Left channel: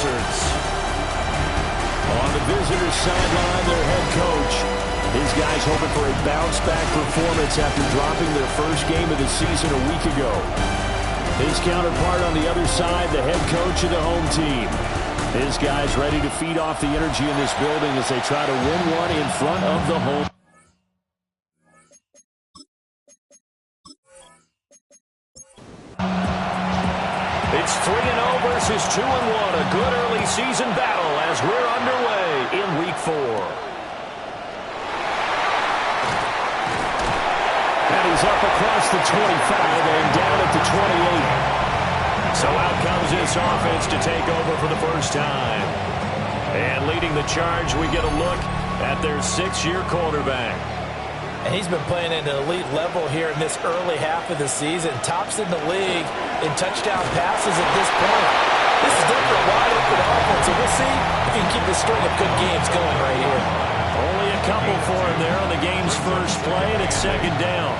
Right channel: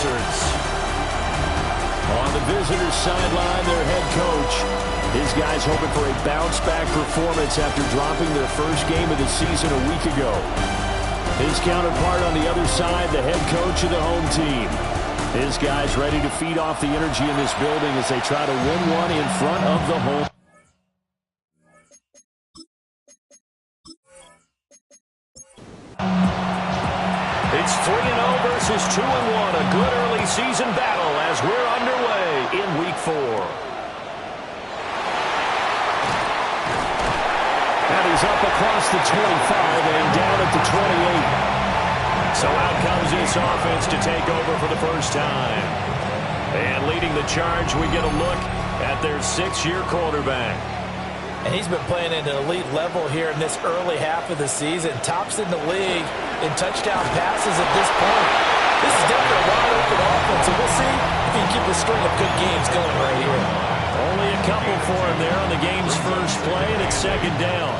Wizards. On the visitors' sideline, their head coach. His guys hoping for a bounce-back performance after dropping their first game of the season a week ago. His counterpart on the other side, the head coach of the home team. His guys ready to feed off the energy in this building as they try to win one in front of the home. It's 3-0 versus 2-1. A good early season battle as we're underway in Week 4. And he's up across the 25 and down at the 28. So out comes this offense to take over for the first time. And leading the charge, we get a look at their 6-year quarterback. And he's been playing at an elite level here in this early half of the season. Tops in the league in touchdown passes at this point. This is definitely a wide-open offense, so we'll see if he can keep a string of good games going right here. Only a couple for him there on the game's first play, and it's second down.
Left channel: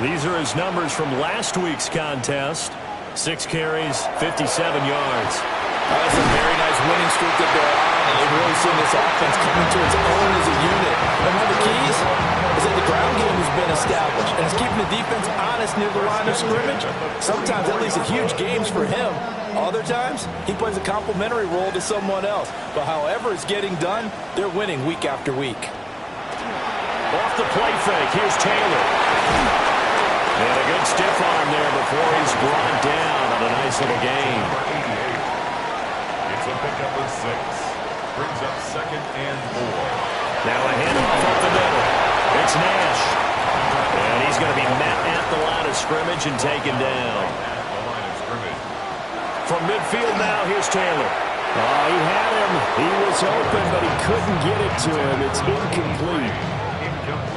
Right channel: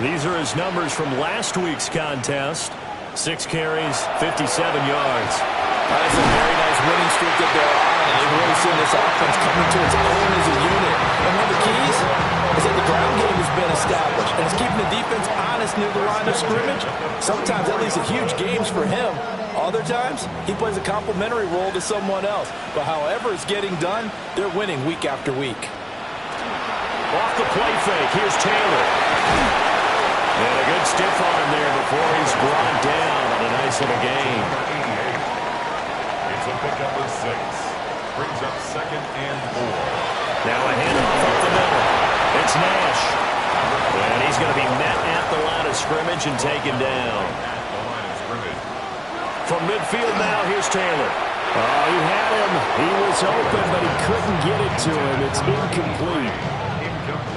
These are his numbers from last week's contest. 6 carries, 57 yards. That's a very nice winning streak that they're on, and they've really seen this offense coming to its own as a unit. And one of the keys is that the ground game has been established, and it's keeping the defense honest near the line of scrimmage. Sometimes that leads to huge games for him. Other times, he plays a complementary role to someone else. But however it's getting done, they're winning week after week. Off the play fake, here's Taylor. And a good stiff arm there before he's brought down on a nice little gain. It's a pickup of 6. Brings up 2nd and 4. Now a handoff up the middle. It's Nash. And he's going to be met at the line of scrimmage and taken down. At the line of scrimmage. From midfield now, here's Taylor. Oh, he had him. He was open, but he couldn't get it to him. It's incomplete.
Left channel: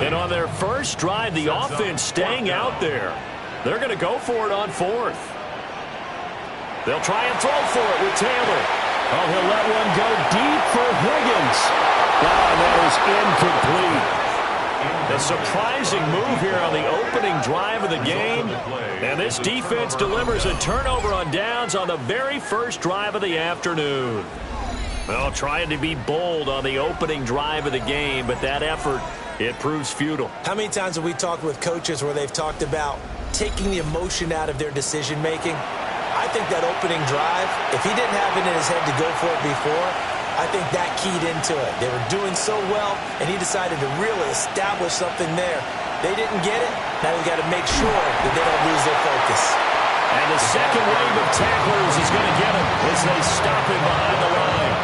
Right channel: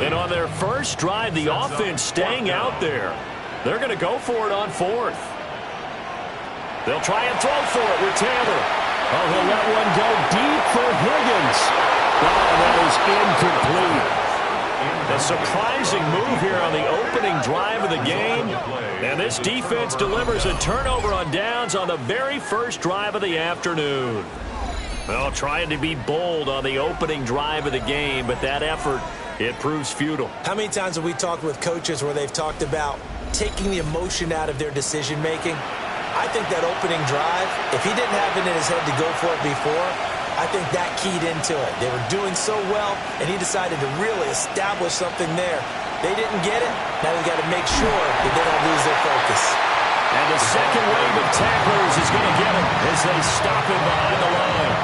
And on their first drive, the offense staying out there. They're going to go for it on 4th. They'll try and throw for it with Taylor. Oh, he'll let one go deep for Higgins. Oh, and that is incomplete. A surprising move here on the opening drive of the game. And this defense delivers a turnover on downs on the very first drive of the afternoon. Well, trying to be bold on the opening drive of the game, but that effort, it proves futile. How many times have we talked with coaches where they've talked about taking the emotion out of their decision-making? I think that opening drive, if he didn't have it in his head to go for it before, I think that keyed into it. They were doing so well, and he decided to really establish something there. They didn't get it. Now they've got to make sure that they don't lose their focus. And the second wave of tacklers is going to get him as they stop him behind the line.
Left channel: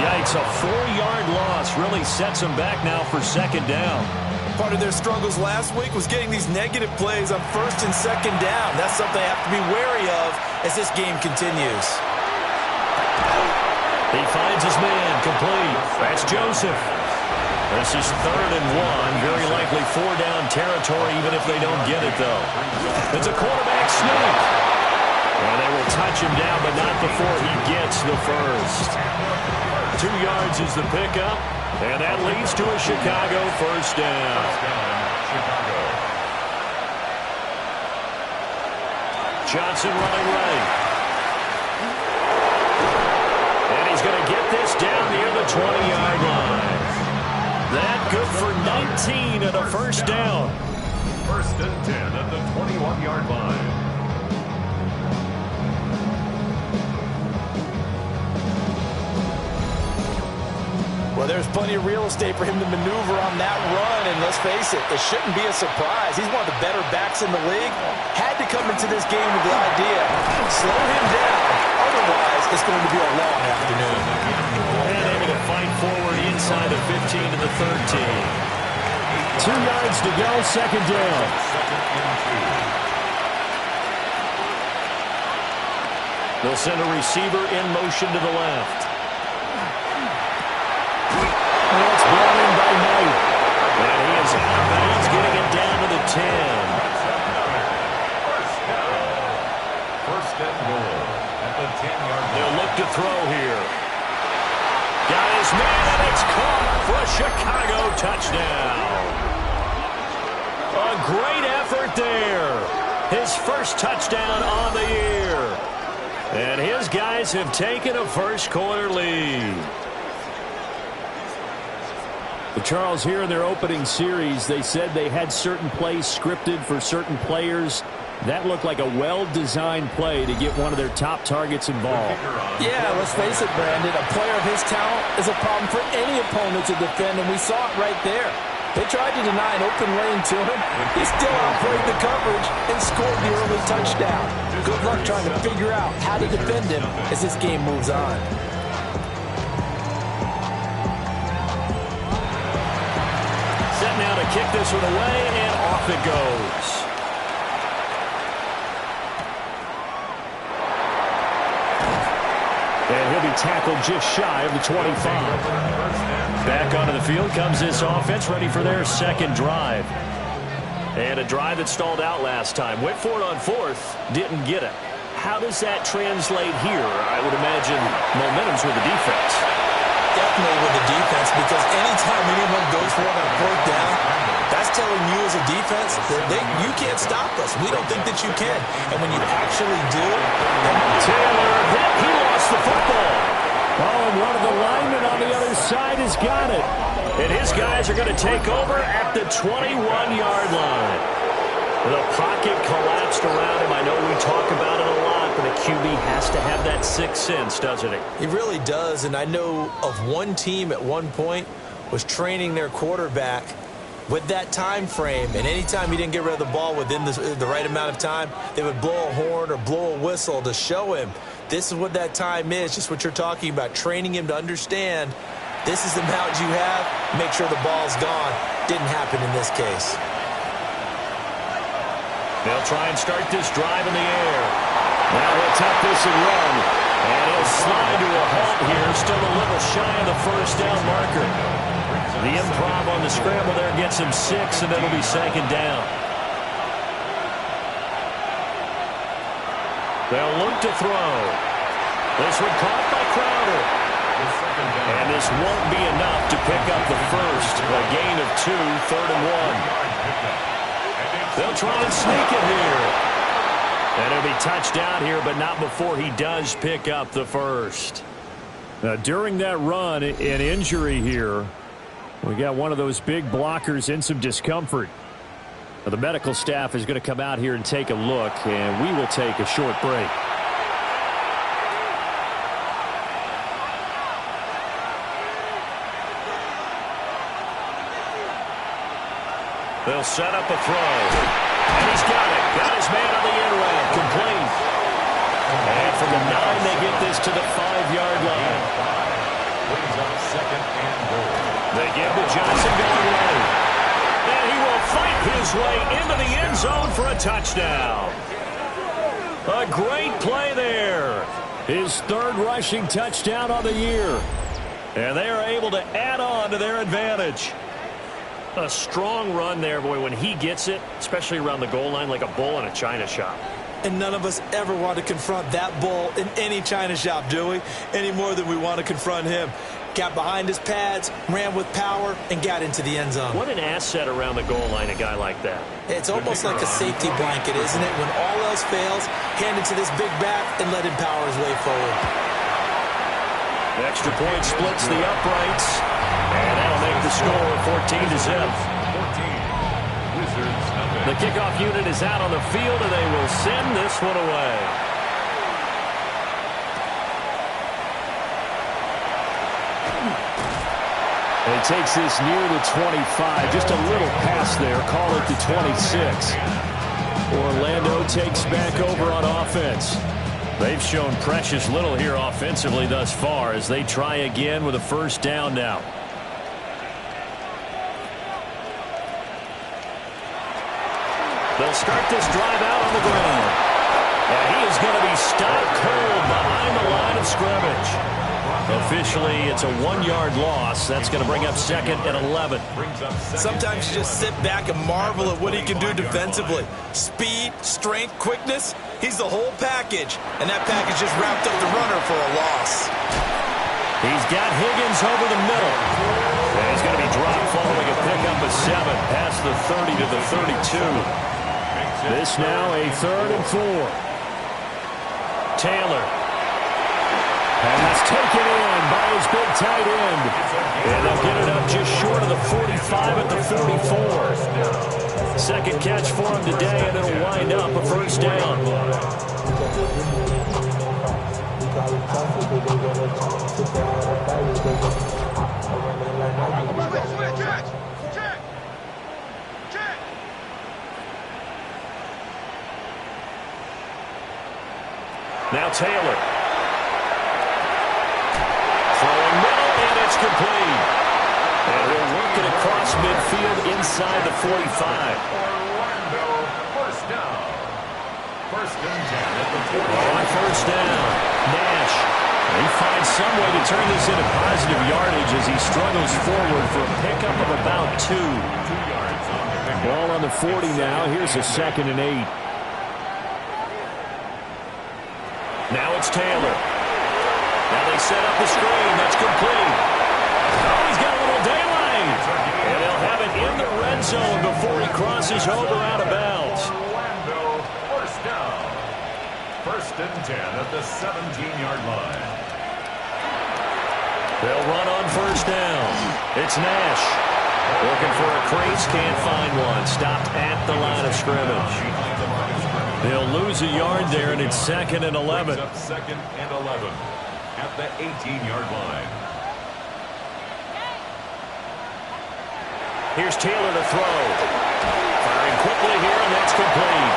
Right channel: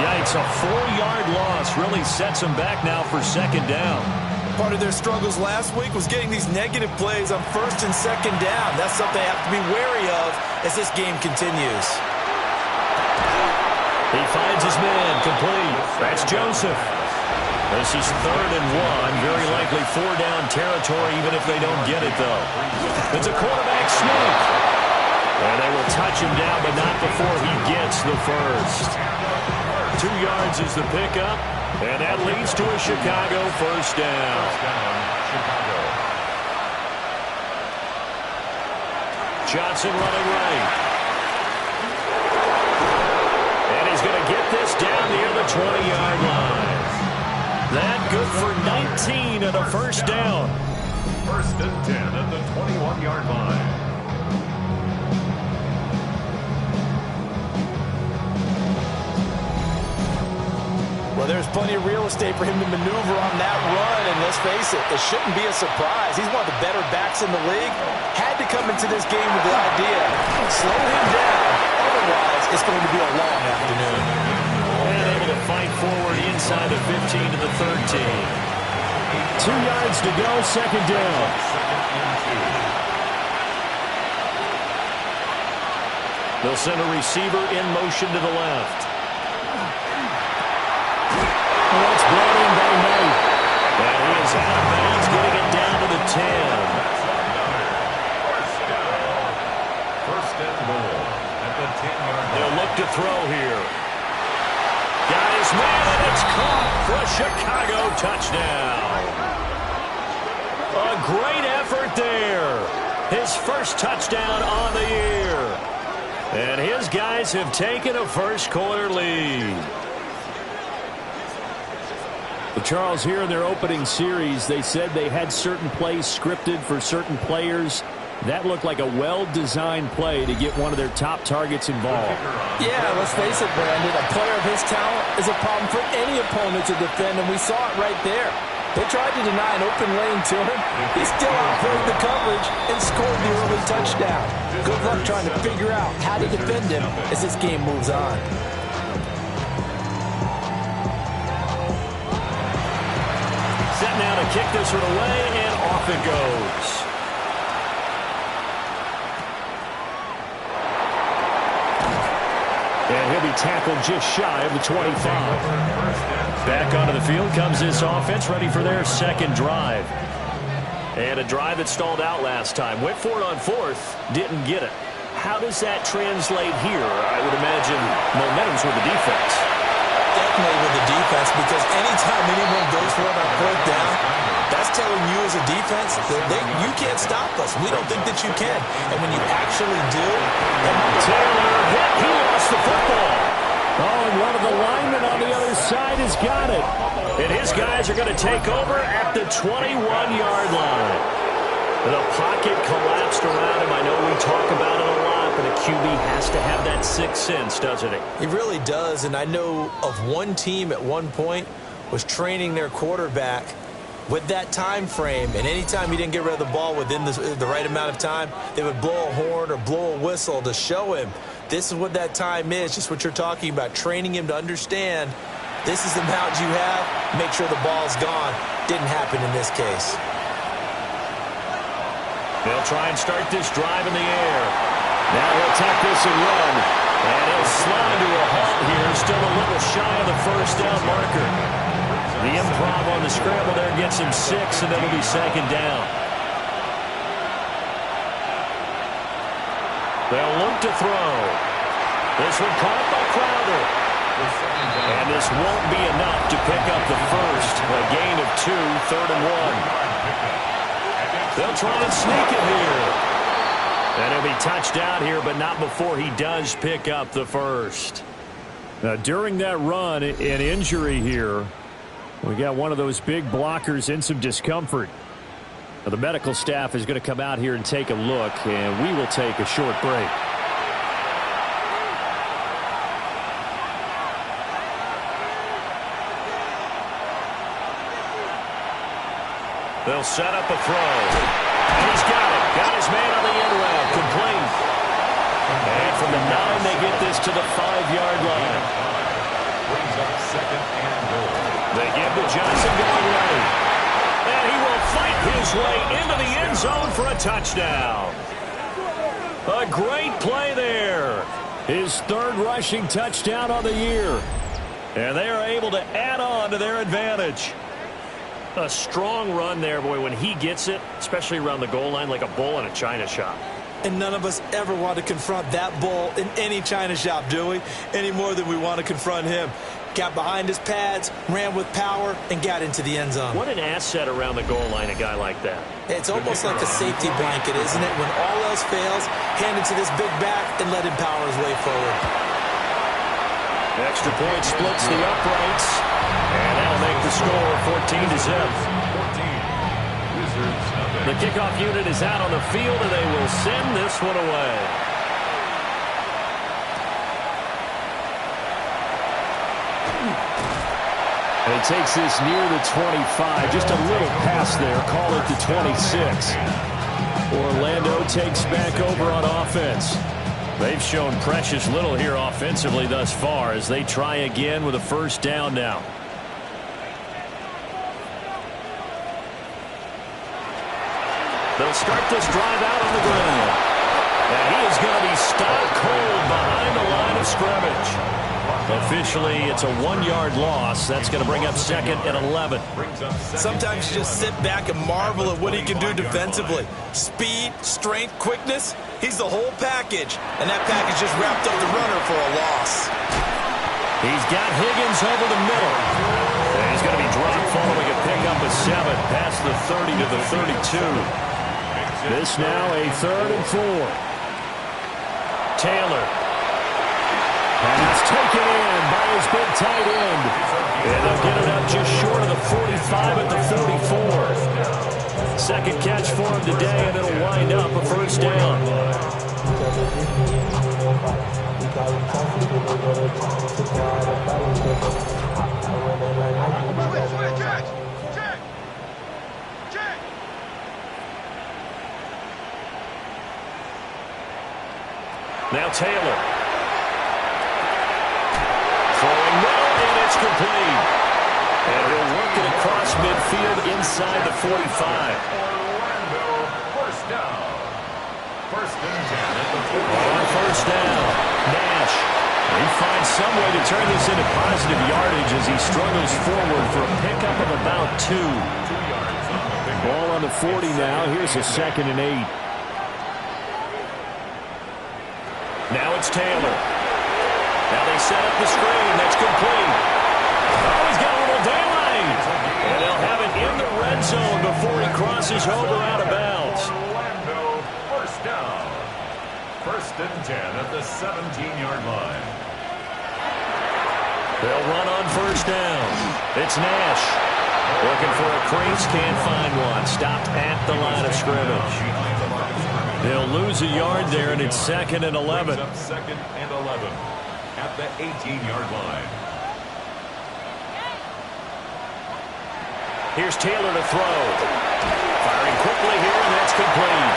Yikes, a 4-yard loss really sets him back now for second down. Part of their struggles last week was getting these negative plays on 1st and 2nd down. That's something they have to be wary of as this game continues. He finds his man complete. That's Joseph. This is 3rd and 1. Very likely 4-down territory even if they don't get it, though. It's a quarterback sneak. And they will touch him down, but not before he gets the first. 2 yards is the pickup. And that leads to a Chicago first down. Chicago. Johnson running right. And he's going to get this down near the 20-yard line. That good for 19 and a first down. 1st and 10 at the 21-yard line. Well, there's plenty of real estate for him to maneuver on that run, and let's face it, it shouldn't be a surprise. He's one of the better backs in the league. Had to come into this game with the idea, slow him down, otherwise it's going to be a long afternoon. And able to fight forward inside the 15 to the 13. 2 yards to go, second down. 2nd and 2. They'll send a receiver in motion to the left. That's brought in by Knight. And he is out of bounds, getting it down to the 10. That's another first down. 1st and goal at the 10-yard line. They'll look to throw here. Got his man, and it's caught for a Chicago touchdown. A great effort there. His first touchdown on the year. And his guys have taken a first-quarter lead. Well, Charles, here in their opening series, they said they had certain plays scripted for certain players. That looked like a well-designed play to get one of their top targets involved. Yeah, let's face it, Brandon. A player of his talent is a problem for any opponent to defend, and we saw it right there. They tried to deny an open lane to him. He still outplayed the coverage and scored the early touchdown. Good luck trying to figure out how to defend him as this game moves on. Set now to kick this one away, and off it goes. And he'll be tackled just shy of the 25. Back onto the field comes this offense, ready for their second drive. And a drive that stalled out last time. Went for it on fourth, didn't get it. How does that translate here? I would imagine momentum's with the defense. Definitely with the defense, because anytime anyone goes for it on fourth down, that's telling you as a defense that you can't stop us. We don't think that you can. And when you actually do... Taylor hit. He lost the football. Oh, and one of the linemen on the other side has got it. And his guys are going to take over at the 21-yard line. The pocket collapsed around him. I know we talk about it a lot, but a QB has to have that sixth sense, doesn't he? He really does, and I know of one team at one point was training their quarterback with that time frame, and anytime he didn't get rid of the ball within the right amount of time, they would blow a horn or blow a whistle to show him this is what that time is, just what you're talking about, training him to understand this is the amount you have, make sure the ball's gone. Didn't happen in this case. They'll try and start this drive in the air. Now he'll tuck this and run. And he'll slide to a halt here. Still a little shy of the first down marker. The improv on the scramble there gets him 6, and it'll be second down. They'll look to throw. This one caught by Crowder. And this won't be enough to pick up the first. A gain of 2, 3rd and 1. They'll try and sneak it here. And he'll be touched out here, but not before he does pick up the first. Now, during that run, an injury here. We got one of those big blockers in some discomfort. Now, the medical staff is going to come out here and take a look, and we will take a short break. They'll set up a throw. And he's got it. Got his man on the end route. Complete. And from the 9, they get this to the 5-yard line. Brings up second and goal. They give to Johnson going right. And he will fight his way into the end zone for a touchdown. A great play there. His 3rd rushing touchdown on the year. And they are able to add on to their advantage. A strong run there, boy, when he gets it, especially around the goal line, like a bull in a china shop. And none of us ever want to confront that bull in any china shop, do we? Any more than we want to confront him. Got behind his pads, ran with power, and got into the end zone. What an asset around the goal line, a guy like that. It's almost like a safety blanket, isn't it? When all else fails, hand it to this big back and let him power his way forward. Extra point splits the uprights. And that'll make the score 14-0. 14. Wizards nothing. The kickoff unit is out on the field, and they will send this one away. And he takes this near the 25. Just a little pass there. Call it the 26. Orlando takes back over on offense. They've shown precious little here offensively thus far as they try again with a first down now. They'll start this drive out on the ground. And he is going to be stopped cold behind the line of scrimmage. Officially, it's a 1-yard loss. That's going to bring up second and 11. Sometimes you just sit back and marvel at what he can do defensively. Speed, strength, quickness. He's the whole package. And that package just wrapped up the runner for a loss. He's got Higgins over the middle. And he's going to be dropped following a pickup of 7 past the 30 to the 32. This now a 3rd and 4. Taylor his big tight end. And they'll get it up just short of the 45 at the 44. Second catch for him today, and it'll wind up a first down. Now Taylor. Throwing middle, and it's complete. And he'll work it across midfield inside the 45. Orlando, first down. First and 10 at the 40. On first down, Nash. He finds some way to turn this into positive yardage as he struggles forward for a pickup of about 2. 2 yards on the pickup. Ball on the 40 now. Here's a 2nd and 8. Now it's Taylor. Now they set up the screen. That's complete. Oh, he's got a little daylight. And they'll have it in the red zone before he crosses over out of bounds. Orlando, first down. First and 10 at the 17-yard line. They'll run on first down. It's Nash. Looking for a crease, can't find one. Stopped at the line of scrimmage. They'll lose a yard there, and it's 2nd and 11. Up 2nd and 11 at the 18-yard line. Here's Taylor to throw. Firing quickly here, and that's complete.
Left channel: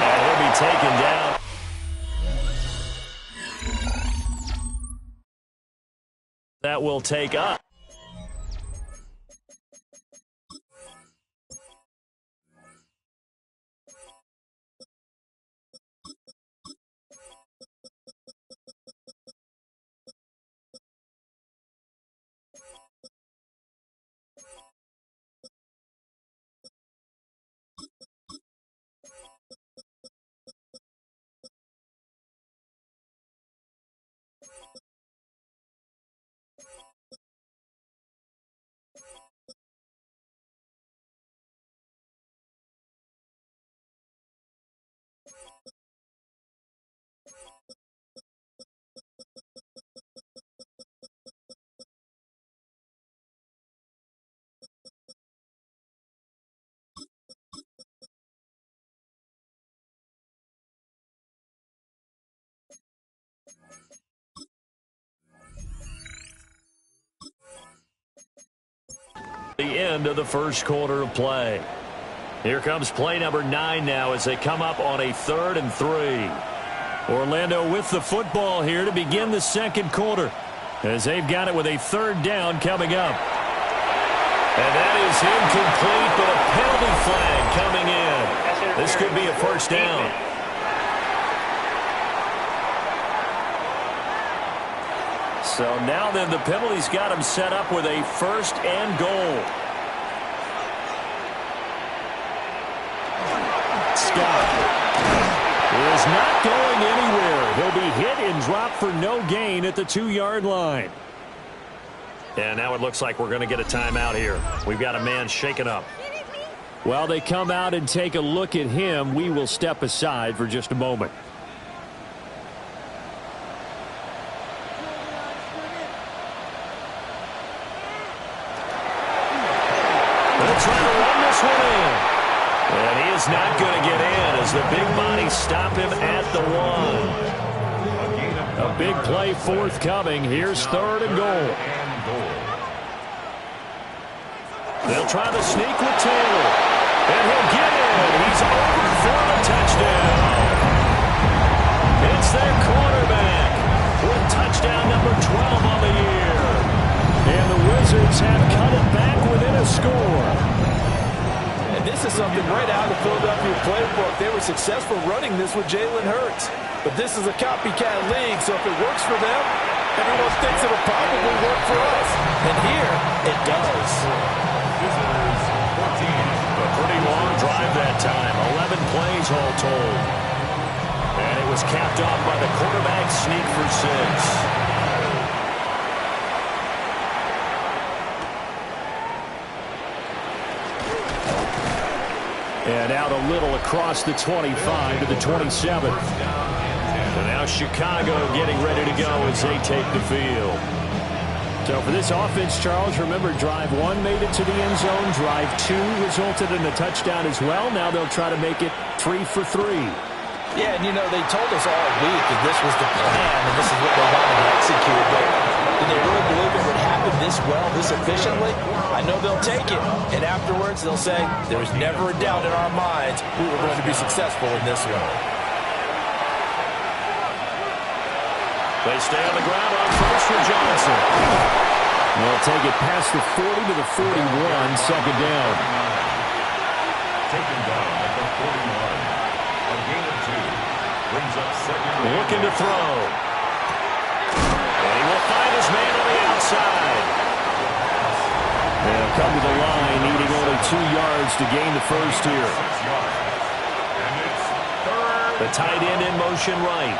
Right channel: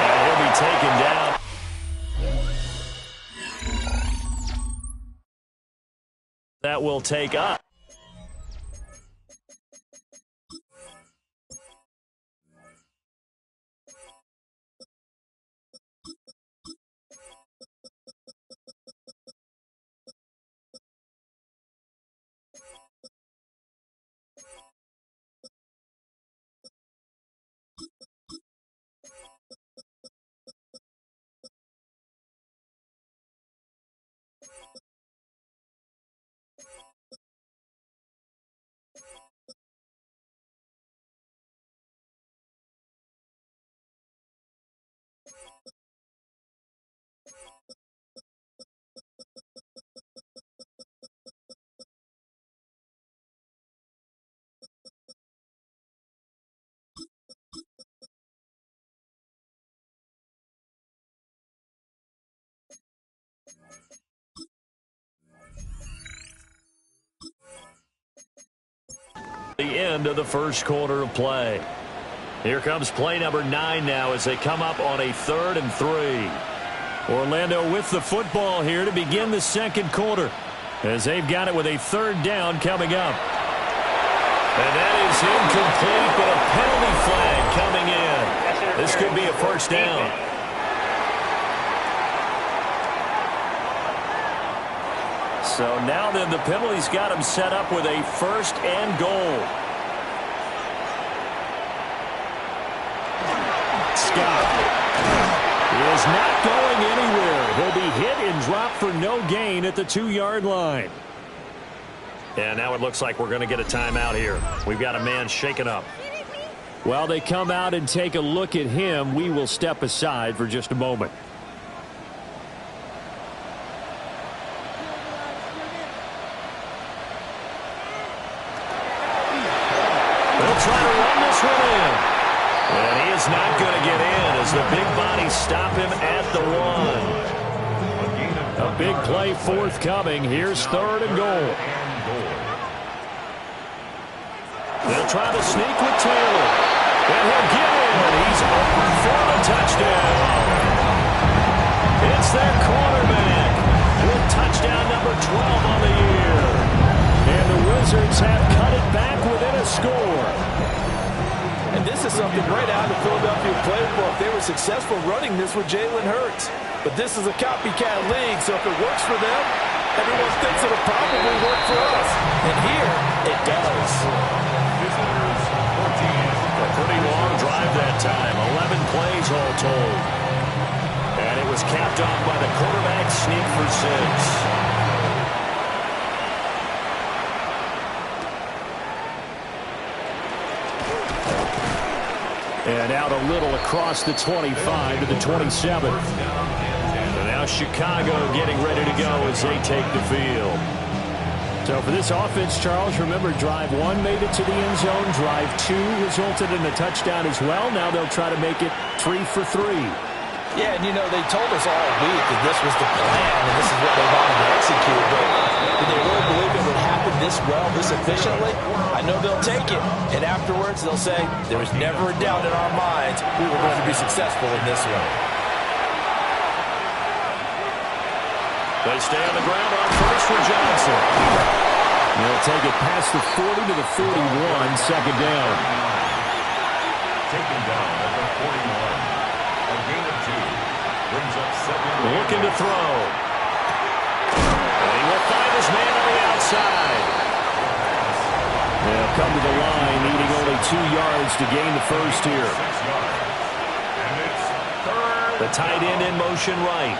And he'll be taken down. That will take up. The end of the first quarter of play. Here comes play number 9 now as they come up on a 3rd and 3. Orlando with the football here to begin the second quarter as they've got it with a 3rd down coming up. And that is incomplete, but a penalty flag coming in. This could be a first down. So now then the penalty's got him set up with a 1st and goal. Scott is not going anywhere. He'll be hit and dropped for no gain at the 2-yard line. And now it looks like we're going to get a timeout here. We've got a man shaken up. While they come out and take a look at him, we will step aside for just a moment. They'll try to run this one in. And he is not going to get in as the big bodies stop him at the 1. A big play forthcoming. Here's 3rd and goal. They'll try to sneak with Taylor. And he'll get in. He's over for the touchdown. It's their quarterback with touchdown number 12 on the year. And the Wizards have cut it back within a score. And this is something right out of the Philadelphia playbook. They were successful running this with Jalen Hurts. But this is a copycat league, so if it works for them, everyone thinks it'll probably work for us. And here, it does. Visitors, 14. A pretty long drive that time. 11 plays all told. And it was capped off by the quarterback sneak for 6. And out a little across the 25 to the 27. So now Chicago getting ready to go as they take the field. So for this offense, Charles, remember, drive 1 made it to the end zone. Drive 2 resulted in a touchdown as well. Now they'll try to make it 3 for 3. Yeah, and they told us all week that this was the plan and this is what they wanted to execute. But did they really believe it would happen this well, this efficiently? I know they'll take it. And afterwards, they'll say, there was never a doubt in our minds we were going to be successful in this one. They stay on the ground on first for Johnson. They'll take it past the 40 to the 41, second down. Taken down at the 41. A gain of 2. Brings up second. Looking to throw. And he will find his man on the outside. They'll come to the line, needing only 2 yards to gain the first here. 6 yards. And it's third. The tight end in motion right.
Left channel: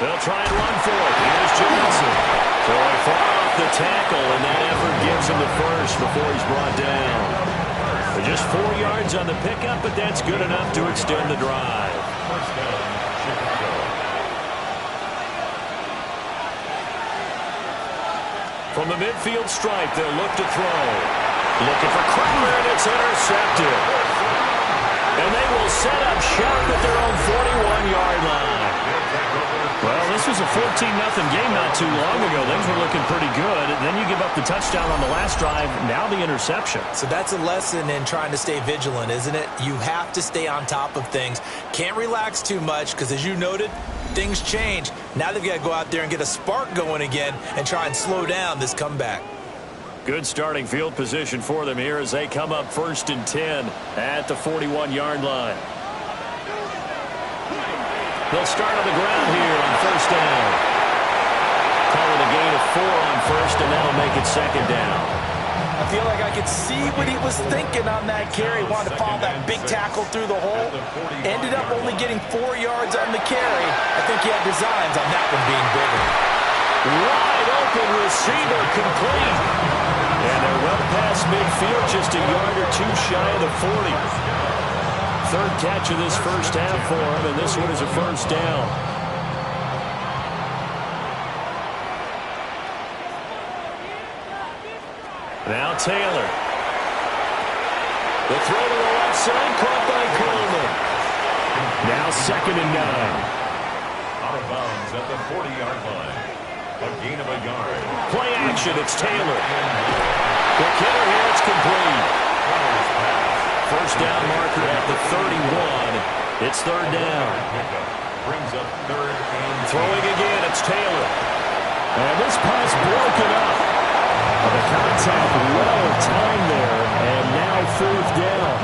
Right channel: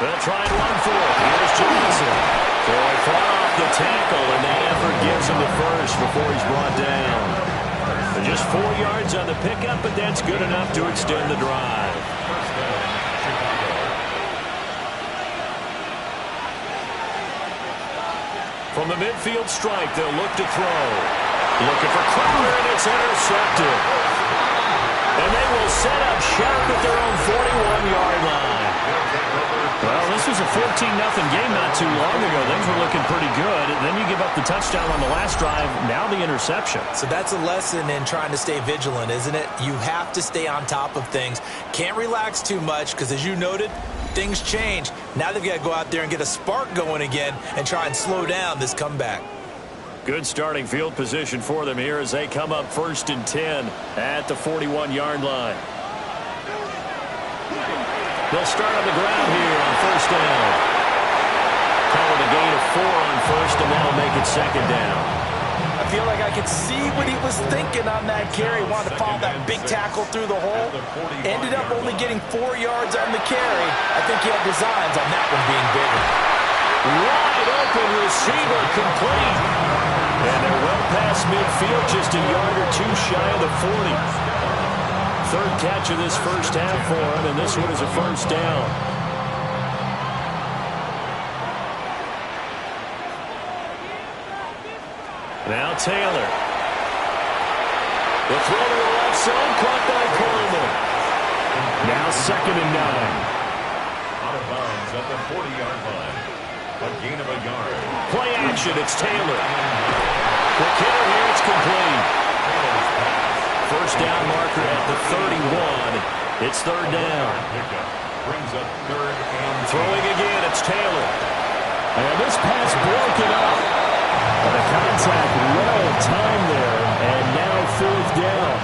They'll try and run for it. Here's Johnson. So he fought off the tackle, and that effort gives him the first before he's brought down. Just 4 yards on the pickup, but that's good enough to extend the drive. First down, Chicago. From the midfield stripe, they'll look to throw. Looking for Crowder, and it's intercepted. And they will set up shop at their own 41-yard line. Well, this was a 14-0 game not too long ago. Things were looking pretty good. Then you give up the touchdown on the last drive. Now the interception. So that's a lesson in trying to stay vigilant, isn't it? You have to stay on top of things. Can't relax too much because, as you noted, things change. Now they've got to go out there and get a spark going again and try and slow down this comeback. Good starting field position for them here as they come up 1st and 10 at the 41-yard line. They'll start on the ground here on first down. Calling a gain of 4 on first, and that'll make it second down. I feel like I could see what he was thinking on that carry. Wanted to follow that big tackle through the hole. Ended up only getting 4 yards on the carry. I think he had designs on that one being bigger. Wide open receiver complete. And they're well past midfield, just a yard or 2 shy of the 40. Third catch of this first half for him, and this one is a first down. Now Taylor. The throw to the left side, caught by Coleman. Now 2nd and 9. Out of bounds at the 40-yard line. A gain of a yard. Play action, it's Taylor. Quick hitter here, it's complete. First down marker at the 31. It's third down. Brings up 3rd and Throwing again, it's Taylor. And this pass broken up. But the contact well timed there, and now 4th down.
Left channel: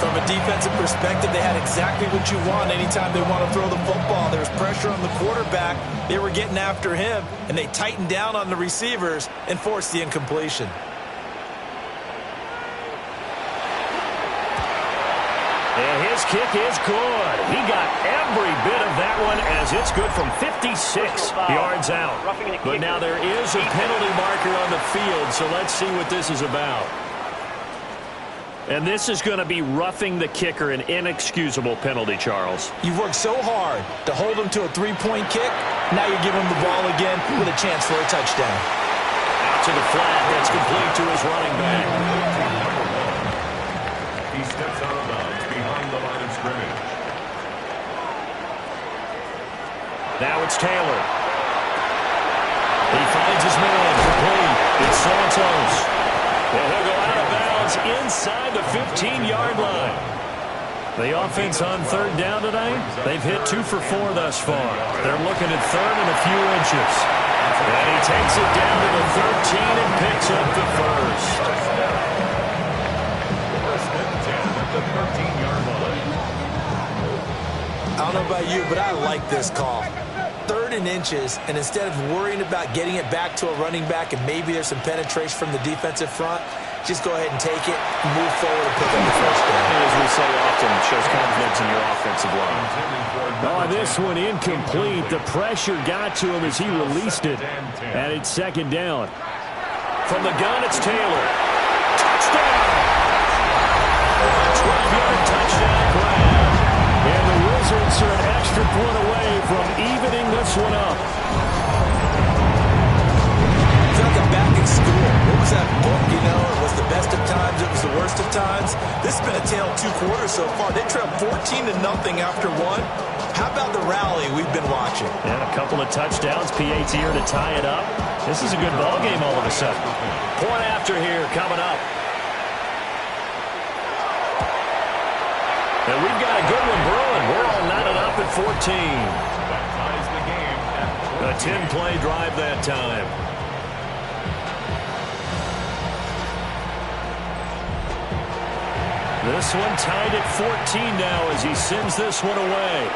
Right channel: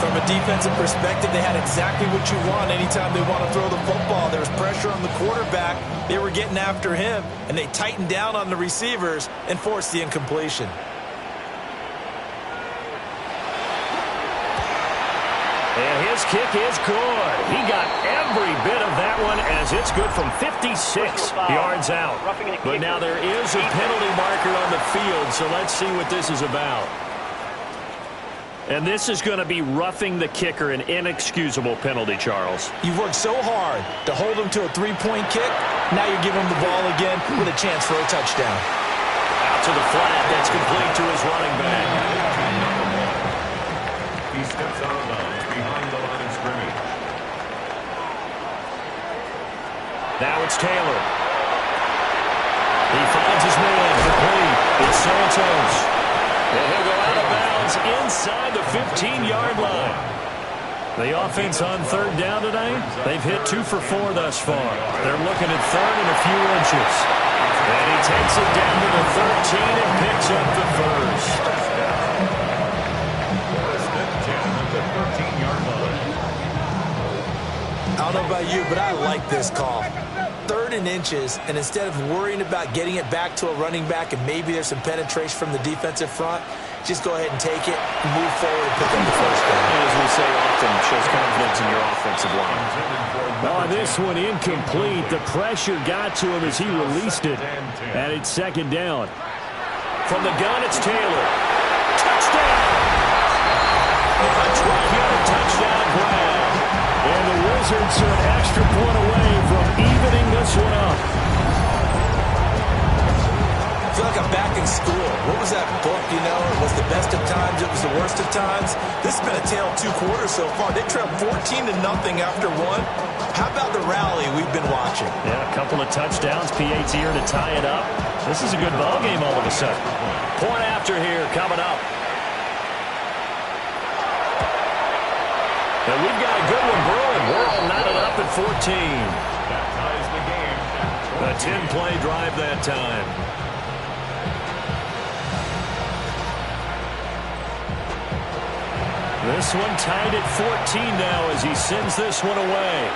From a defensive perspective, they had exactly what you want anytime they want to throw the football. There was pressure on the quarterback. They were getting after him, and they tightened down on the receivers and forced the incompletion. And his kick is good. He got every bit of that one as it's good from 56 yards out. But now there is a penalty marker on the field, so let's see what this is about. And this is going to be roughing the kicker, an inexcusable penalty, Charles. You've worked so hard to hold him to a 3-point kick. Now you give him the ball again with a chance for a touchdown. Out to the flat. That's complete to his running back. he steps out of bounds behind the line of scrimmage. Now it's Taylor. He finds his man complete. It's Santos. And he'll go out of bounds inside the 15-yard line. The offense on third down tonight, they've hit 2 for 4 thus far. They're looking at third and a few inches. And he takes it down to the 13 and picks up the first. First and 10 at the 13-yard line. I don't know about you, but I like this call. 3rd and inches, and instead of worrying about getting it back to a running back and maybe there's some penetration from the defensive front, just go ahead and take it, move forward, and pick up the first down. And as we say often, shows confidence in your offensive line. Oh, this one incomplete. The pressure got to him as he released it. And it's second down. From the gun, it's Taylor. Touchdown! A 12-yard touchdown grab. And the Wizards are an extra extra point away from evening this one up. I feel like I'm back in school. What was that book, you know? It was the best of times, it was the worst of times. This has been a tale of two quarters so far. They trailed 14-0 after one. How about the rally we've been watching? Yeah, a couple of touchdowns, PAT here to tie it up. This is a good ball game all of a sudden. Point after here coming up. And we've got a good one brewing. We're all knotted up at 14. That ties the game at 14. A 10-play drive that time. This one tied at 14 now as he sends this one away.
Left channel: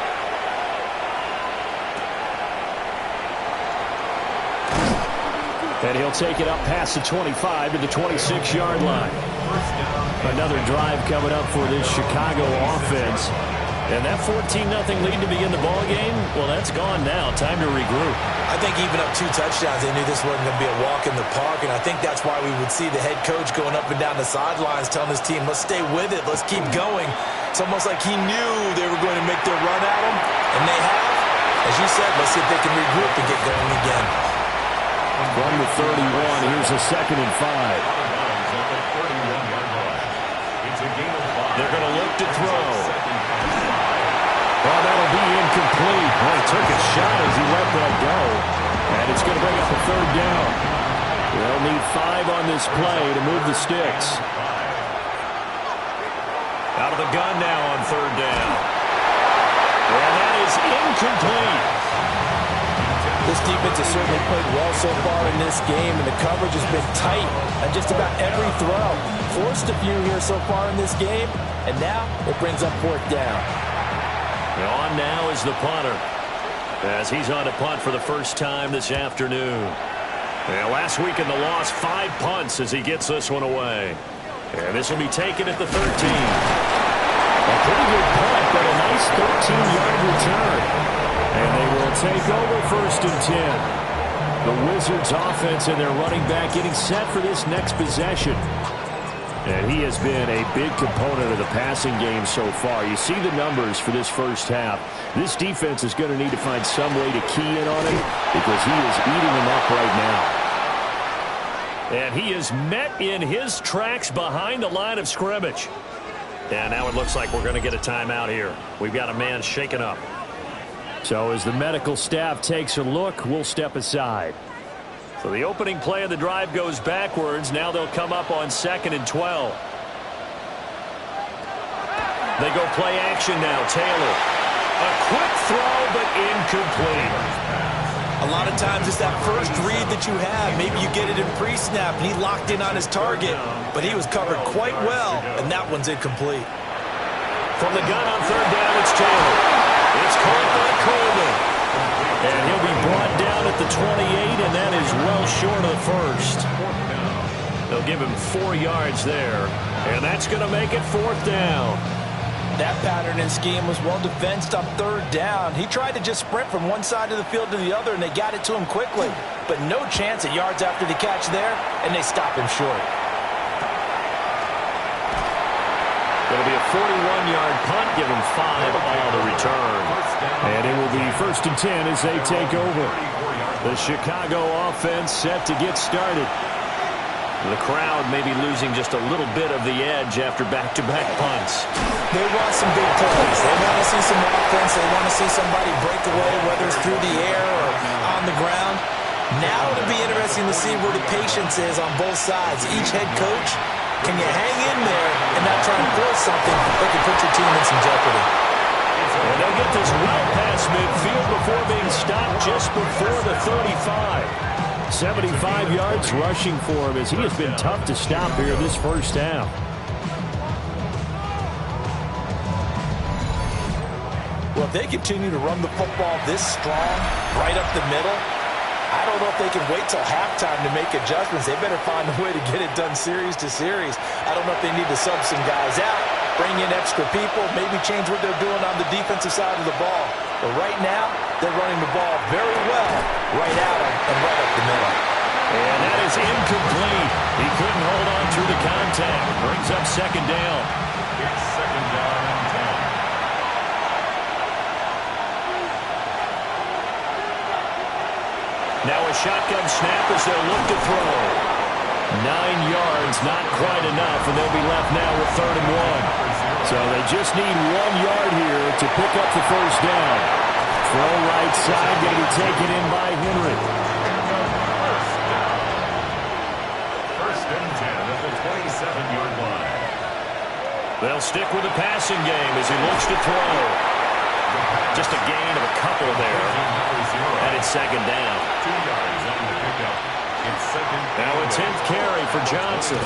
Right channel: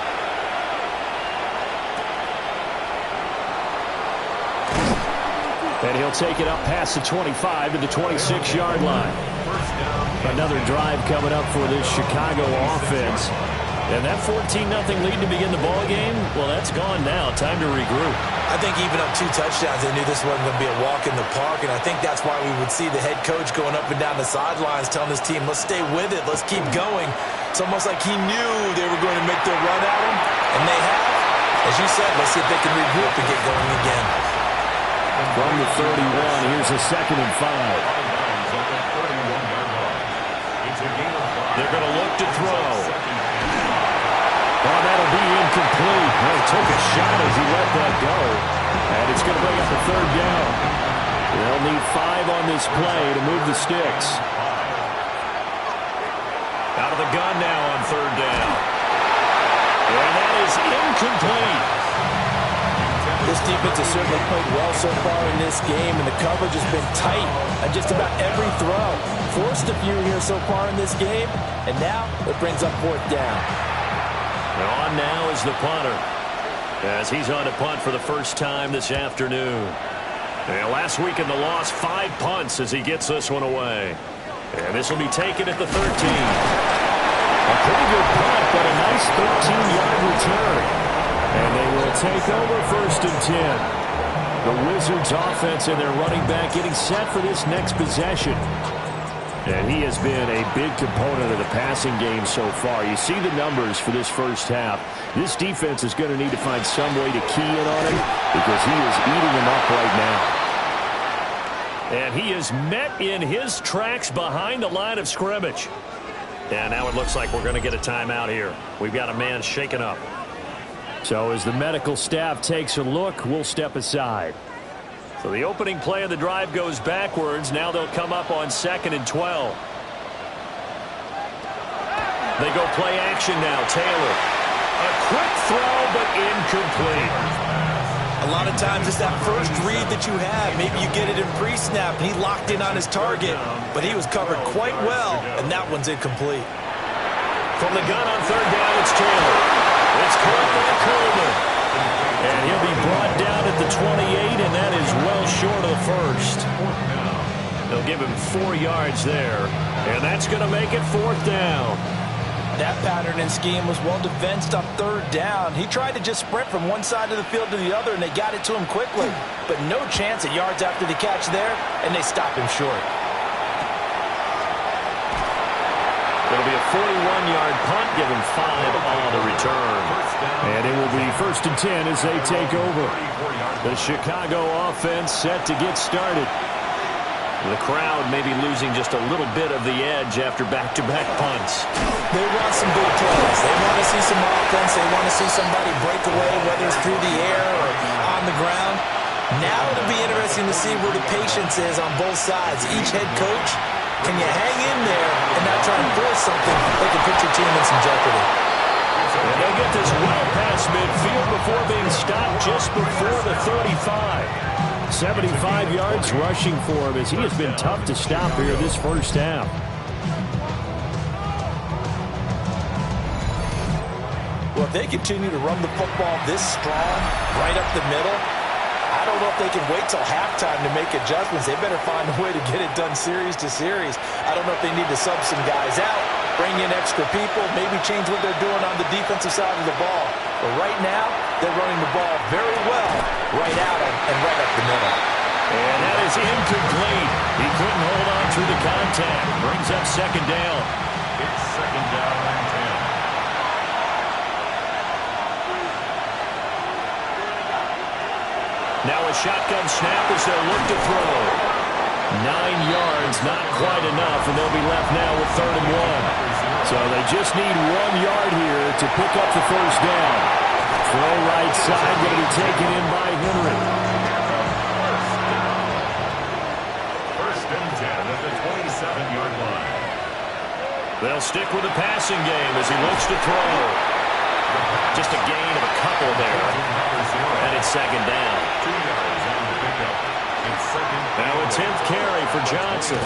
And he'll take it up past the 25 to the 26-yard line. Another drive coming up for this Chicago offense. And that 14-0 lead to begin the ball game, well, that's gone now. Time to regroup. I think even up 2 touchdowns, they knew this wasn't going to be a walk in the park, and I think that's why we would see the head coach going up and down the sidelines telling his team, let's stay with it, let's keep going. It's almost like he knew they were going to make their run at him, and they have. As you said, let's see if they can regroup and get going again. From the 31, here's a 2nd and 5. They're going to look to throw. Oh, that'll be incomplete. Well, he took a shot as he let that go. And it's going to bring up a 3rd down. They'll need 5 on this play to move the sticks. Out of the gun now on 3rd down. And that is incomplete. This defense has certainly played well so far in this game, and the coverage has been tight on just about every throw. Forced a few here so far in this game, and now it brings up 4th down. And on now is the punter, as he's on to punt for the first time this afternoon. And last week in the loss, 5 punts as he gets this one away. And this will be taken at the 13. A pretty good punt, but a nice 13-yard return. And they will take over 1st and 10. The Wizards offense and their running back getting set for this next possession. And he has been a big component of the passing game so far. You see the numbers for this first half. This defense is going to need to find some way to key in on him because he is eating them up right now. And he is met in his tracks behind the line of scrimmage. And now it looks like we're going to get a timeout here. We've got a man shaken up. So as the medical staff takes a look, we'll step aside. So the opening play of the drive goes backwards. Now they'll come up on 2nd and 12. They go play action now. Taylor. A quick throw, but incomplete. A lot of times it's that first read that you have. Maybe you get it in pre-snap, and he locked in on his target. But he was covered quite well, and that one's incomplete. From the gun on 3rd down, it's Taylor. It's caught by Coleman. And he'll be brought down at the 28, and that is well short of the 1st. They'll give him 4 yards there, and that's going to make it 4th down. That pattern and scheme was well defensed on 3rd down. He tried to just sprint from one side of the field to the other, and they got it to him quickly. But no chance at yards after the catch there, and they stop him short. It'll be a 41-yard punt, give him 5 on the return. And it will be 1st and 10 as they take over. The Chicago offense set to get started. The crowd may be losing just a little bit of the edge after back-to-back punts. They want some big plays. They want to see some offense. They want to see somebody break away, whether it's through the air or on the ground. Now it'll be interesting to see where the patience is on both sides. Each head coach, can you hang in there and not try and force something that can put your team in some jeopardy? And they'll get this well past midfield before being stopped just before the 35. 75 yards rushing for him as he has been tough to stop here this first half. Well, if they continue to run the football this strong, right up the middle, I don't know if they can wait till halftime to make adjustments. They better find a way to get it done series to series. I don't know if they need to sub some guys out, bring in extra people, maybe change what they're doing on the defensive side of the ball. But right now, they're running the ball very well right out and right up the middle. And that is incomplete. He couldn't hold on through the contact. Brings up 2nd down. It's 2nd down and 10. Now a shotgun snap as they'll look to throw. 9 yards, not quite enough, and they'll be left now with 3rd and 1. So they just need 1 yard here to pick up the first down. Throw right side, going to be taken in by Henry. First and 10 at the 27-yard line. They'll stick with the passing game as he looks to throw. Just a gain of a couple there. And it's 2nd down. 2 yards on the pickup. It's 2nd. Now a 10th carry for Johnson.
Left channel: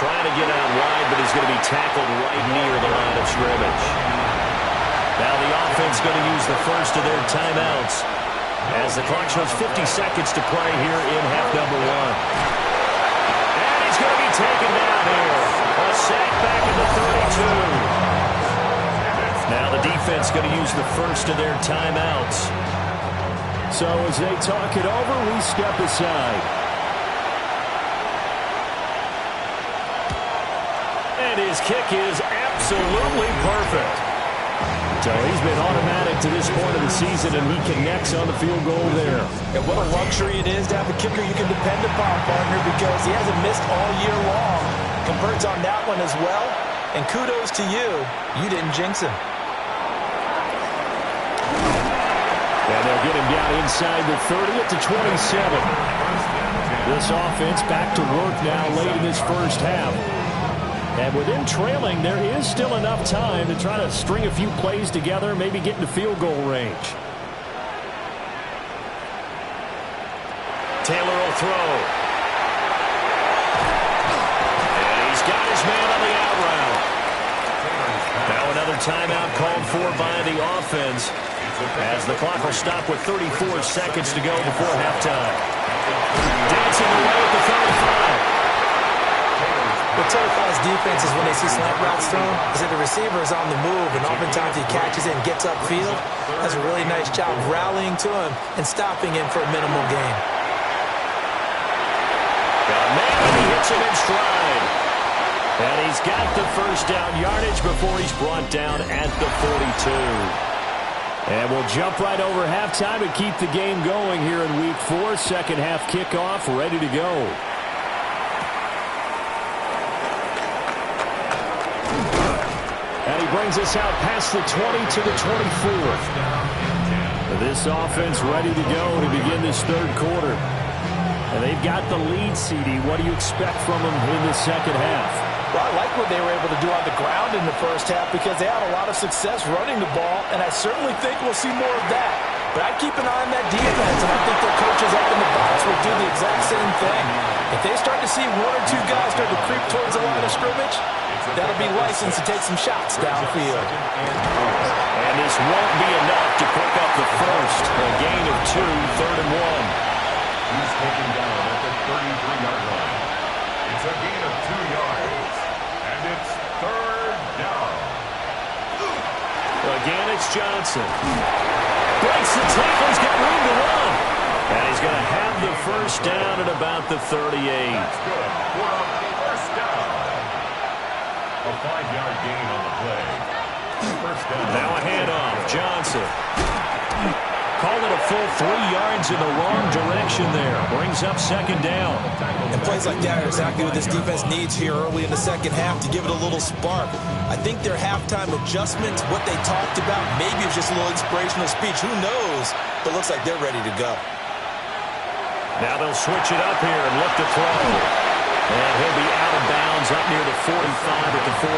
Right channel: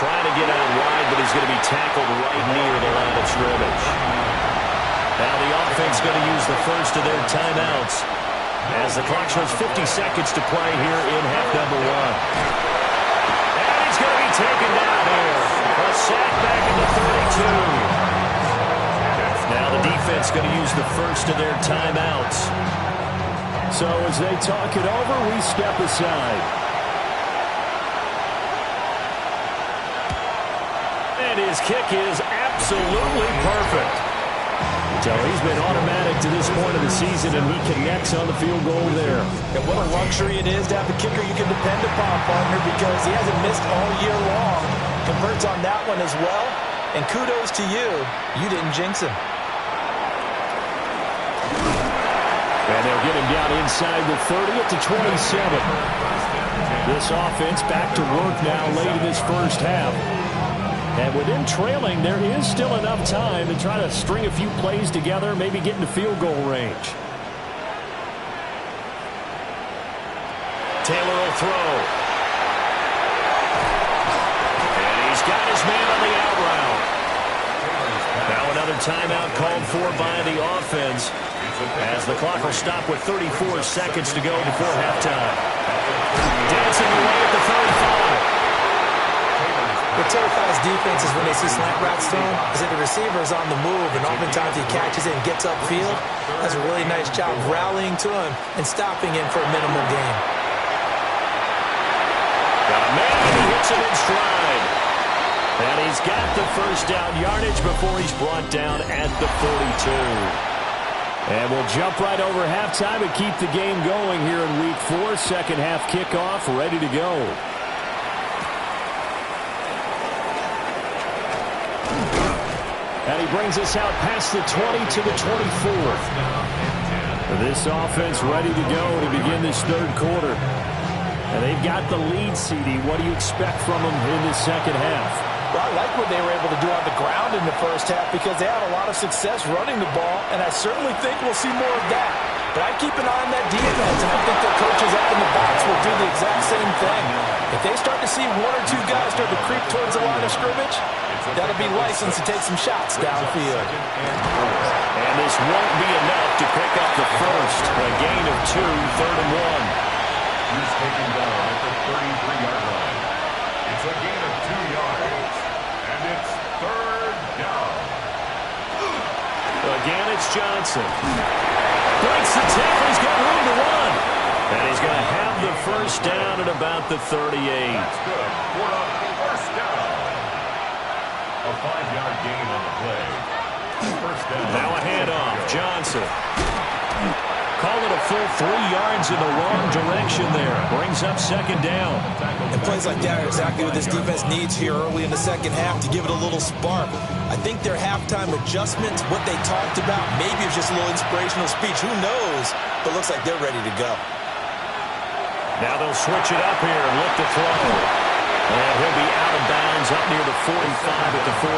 Trying to get out wide, but he's going to be tackled right near the line of scrimmage. Now the offense going to use the first of their timeouts as the clock shows 50 seconds to play here in half number 1. And he's going to be taken down here. A sack back at the 32. Now the defense going to use the first of their timeouts. So as they talk it over, we step aside. And his kick is absolutely perfect. So he's been automatic to this point of the season, and he connects on the field goal there. And what a luxury it is to have a kicker you can depend upon, partner, because he hasn't missed all year long. Converts on that one as well. And kudos to you. You didn't jinx him. And they'll get him down inside the 30 at the 27. This offense back to work now late in this first half. And with them trailing, there is still enough time to try to string a few plays together, maybe get into field goal range. Taylor will throw. And he's got his man on the out route. Now another timeout called for by the offense as the clock will stop with 34 seconds to go before halftime. Dancing away at the 35. What terrifies defenses when they see slant routes thrown is that the receiver is on the move, and oftentimes he catches it and gets upfield. Does a really nice job rallying to him and stopping him for a minimal gain. Got a man, and he hits him in stride. And he's got the first down yardage before he's brought down at the 42. And we'll jump right over halftime and keep the game going here in Week 4. Second half kickoff ready to go. And he brings us out past the 20 to the 24. This offense ready to go to begin this third quarter. And they've got the lead, CD. What do you expect from them in this second half? Well, I like what they were able to do on the ground in the first half because they had a lot of success running the ball, and I certainly think we'll see more of that. But I'd keep an eye on that defense, and I think their coaches up in the box will do the exact same thing. If they start to see 1 or 2 guys start to creep towards the line of scrimmage, that'll be license to take some shots downfield. And this won't be enough to pick up the first. A gain of 2, 3rd and 1. He's taken down at the 33-yard line. It's a gain of 2 yards. And it's 3rd down. Again, it's Johnson. Breaks the tackle. He's got room to run. And he's going to have the first down at about the 38. That's good for a first down. A 5-yard gain on the play. First down. Now a handoff. Johnson. Call it a full 3 yards in the wrong direction there. Brings up second down. And plays like that are exactly what this defense needs here early in the second half to give it a little spark. I think their halftime adjustments, what they talked about, maybe it's just a little inspirational speech. Who knows? But looks like they're ready to go. Now they'll switch it up here and look to throw. And he'll be out of bounds up near the 45 at the 44.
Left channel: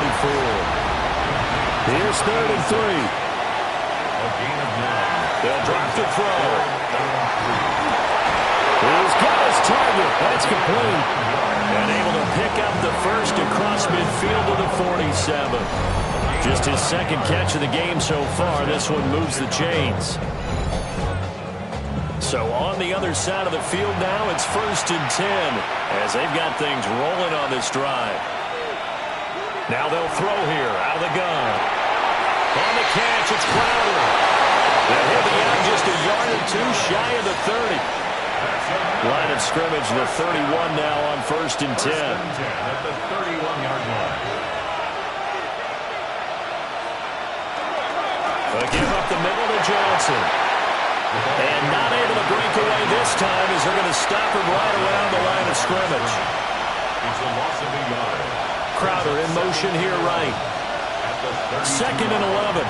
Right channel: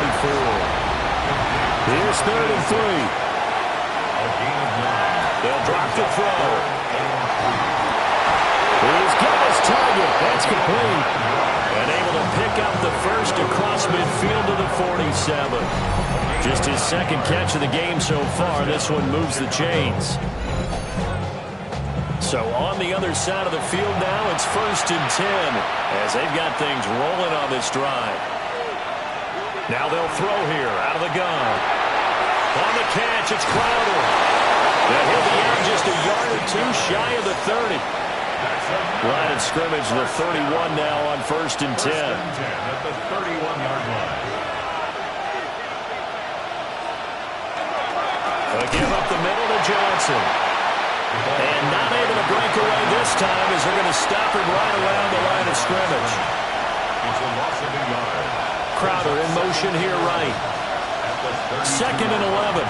Here's 3rd and 3. A gain of 9. They'll drop the throw. He's got his target. That's complete. And able to pick up the first across midfield to the 47. Just his second catch of the game so far. This one moves the chains. So on the other side of the field now, it's 1st and 10 as they've got things rolling on this drive. Now they'll throw here out of the gun. On the catch, it's Crowder. And he'll be out just a yard or 2 shy of the 30. Line of scrimmage, the 31 now on 1st and 10. 1st and 10 at the 31-yard line. A give up the middle to Johnson. And not able to break away this time as they're going to stop him right around the line of scrimmage. It's a loss of a yard. Crowder in motion here right. Second and 11.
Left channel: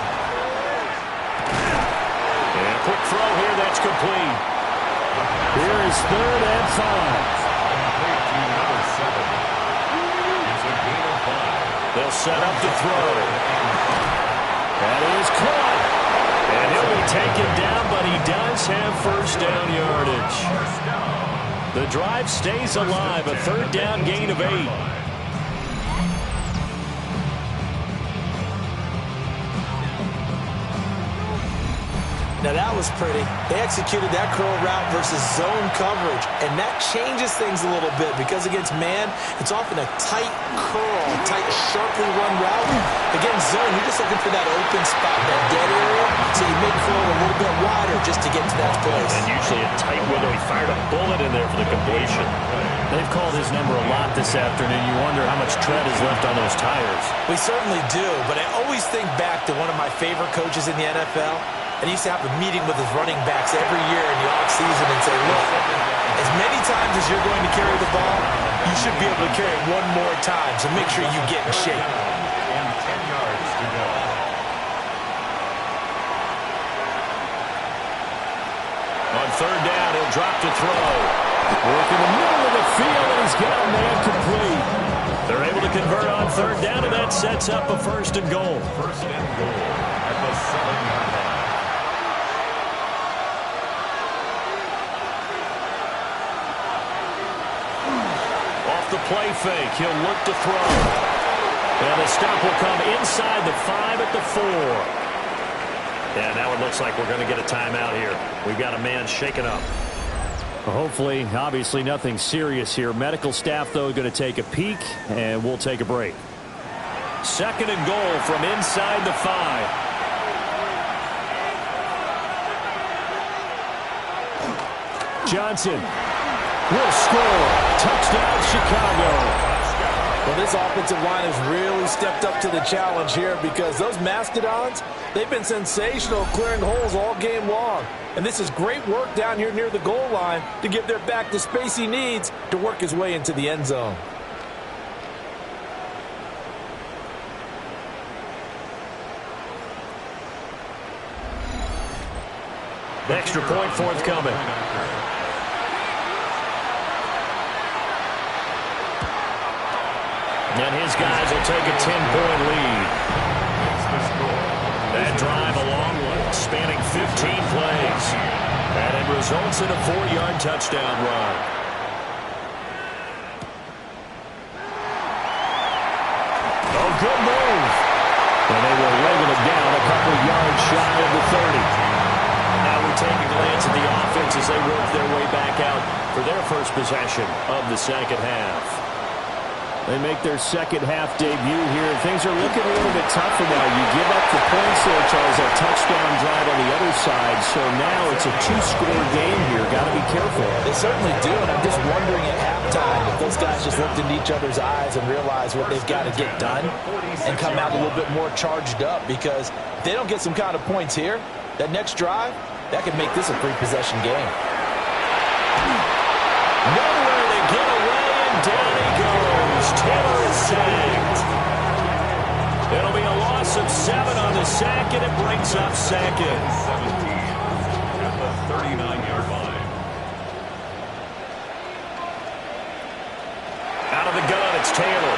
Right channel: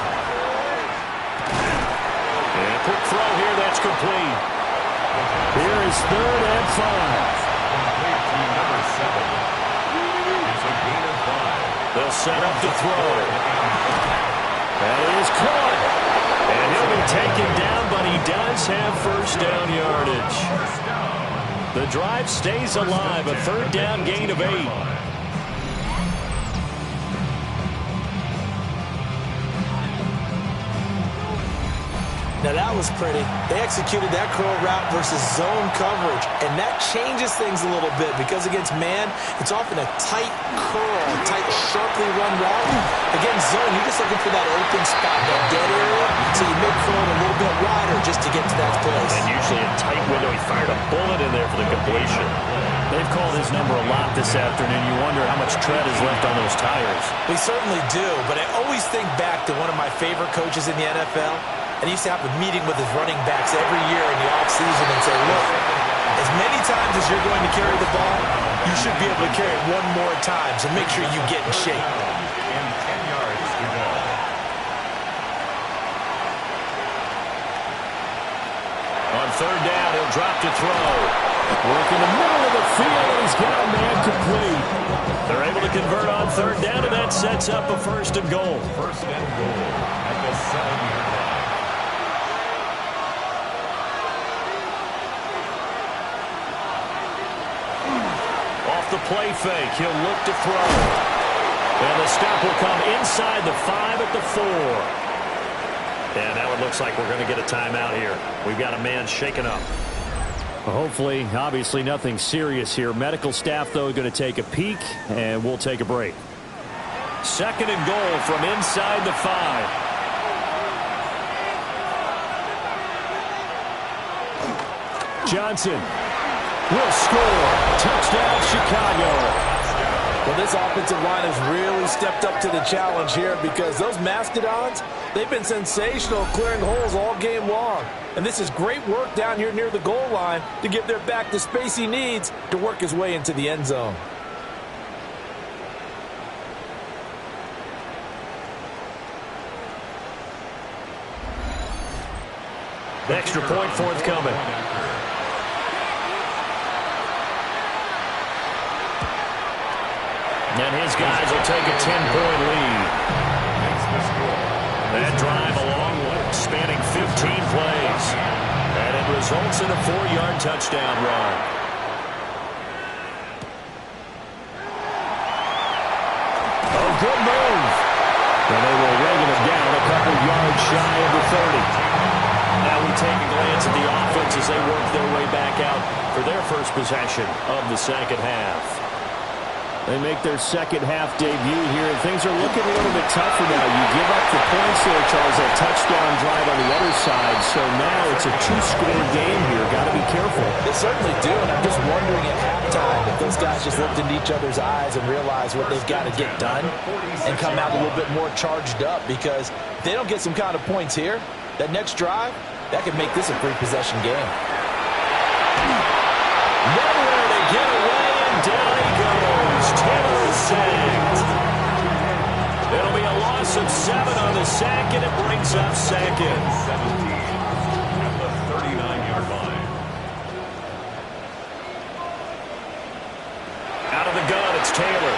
And quick throw here, that's complete. Here is third and 5. Complete to number 7. It's a gain of 5. They'll set up the throw. That is caught. And he'll be taken down, but he does have first down yardage. The drive stays alive, a third down gain of 8. Now that was pretty. They executed that curl route versus zone coverage, and that changes things a little bit because against man, it's often a tight curl, tight, sharply run route. Against zone, you're just looking for that open spot, that dead area, so you make curl a little bit wider just to get to that place. And usually a tight window. He fired a bullet in there for the completion. They've called his number a lot this afternoon. You wonder how much tread is left on those tires. We certainly do, but I always think back to one of my favorite coaches in the NFL. And he used to have a meeting with his running backs every year in the offseason and say, look, as many times as you're going to carry the ball, you should be able to carry it one more time, so make sure you get in shape. And 10 yards to go. On third down, he'll drop to throw. Work in the middle of the field, and he's got a man complete. They're able to convert on third down, and that sets up a first and goal. First and goal at the 7-yard line. Off the play fake, he'll look to throw. And the stop will come inside the 5 at the 4. And now it looks like we're going to get a timeout here. We've got a man shaken up. Hopefully, obviously nothing serious here. Medical staff, though, going to take a peek, and we'll take a break. Second and goal from inside the 5. Johnson will score. Touchdown, Chicago. Well, this offensive line has really stepped up to the challenge here because those Mastodons, they've been sensational clearing holes all game long. And this is great work down here near the goal line to give their back the space he needs to work his way into the end zone. Extra point forthcoming. And his guys will take a 10-point lead. Makes the score. That drive a long one, spanning 15 plays. And it results in a 4-yard touchdown run. Oh, good move. And they will ring him down a couple yards shy of the 30. Now we take a glance at the offense as they work their way back out for their first possession of the second half. They make their second half debut here, and things are looking a little bit tougher now. You give up the points there, Charles, that touchdown drive on the other side. So now it's a 2-score game here. Got to be careful. They certainly do, and I'm just wondering at halftime if those guys just looked into each other's eyes and realized what they've got to get done and come out a little bit more charged up, because if they don't get some kind of points here, that next drive, that could make this a 3-possession game. Nowhere to get away, and down he goes. Taylor is sacked. It'll be a loss of 7 on the sack, and it brings up second. 17 at the 39-yard line. Out of the gun, it's Taylor.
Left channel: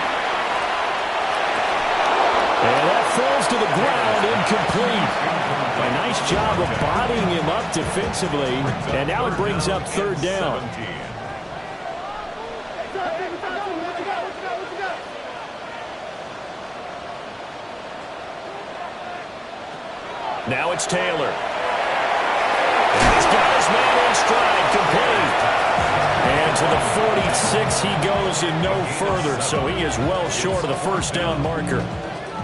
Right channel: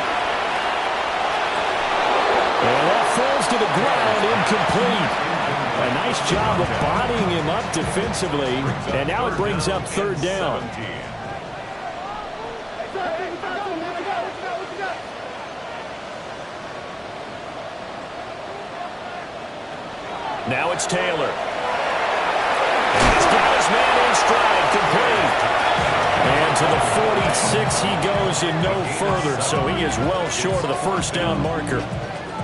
And that falls to the ground, incomplete. A nice job of bodying him up defensively, and now it brings up third down. Now it's Taylor. And he's got his man in stride, complete. And to the 46 he goes and no further, so he is well short of the first down marker.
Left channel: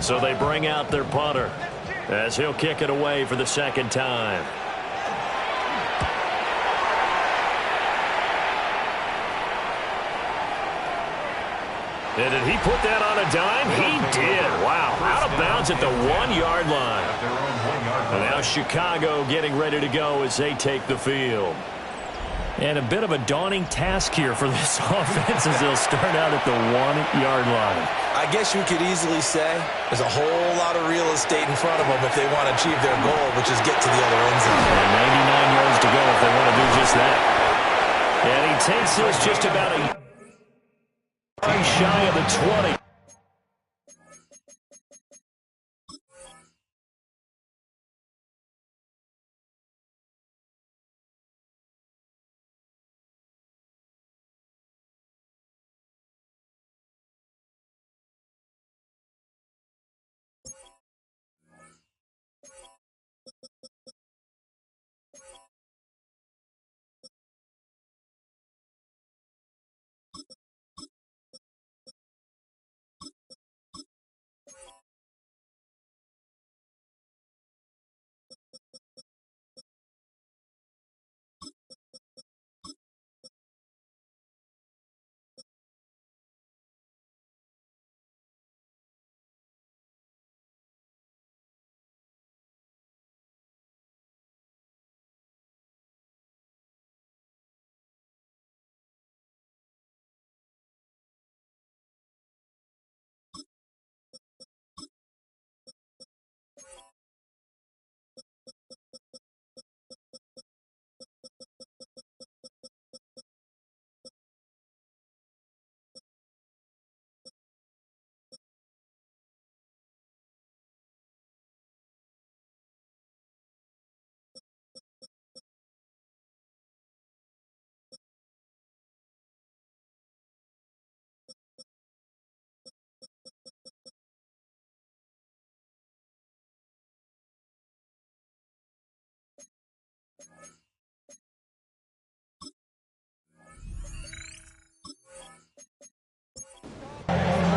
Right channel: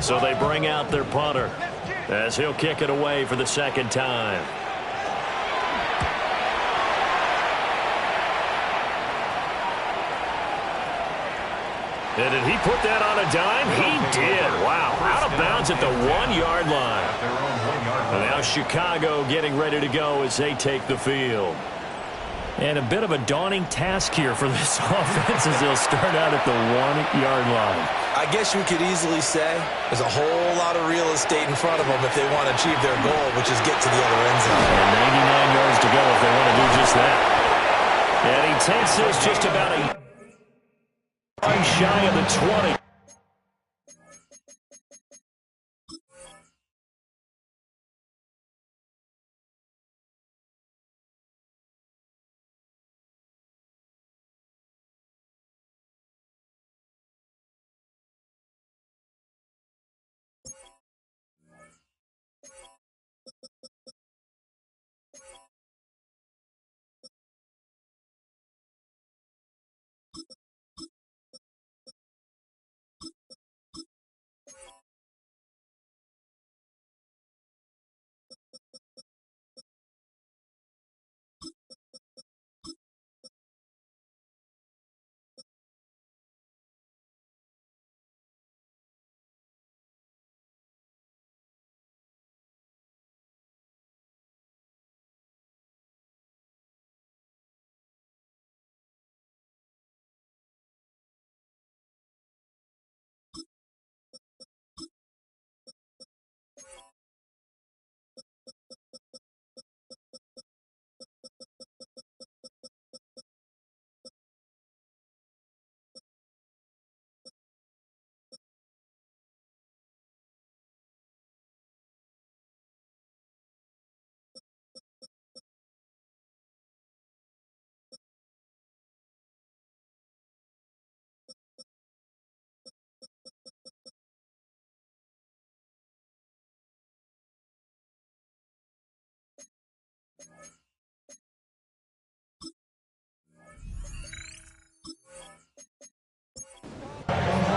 So they bring out their punter as he'll kick it away for the second time. And did he put that on a dime? He did. Wow. Out of bounds at the 1-yard line. At their own 1-yard And line. now Chicago getting ready to go as they take the field. And a bit of a daunting task here for this offense as they'll start out at the 1-yard line. I guess you could easily say there's a whole lot of real estate in front of them if they want to achieve their goal, which is get to the other end zone. And 99 yards to go if they want to do just that. And he takes this just about a yard shy of the 20.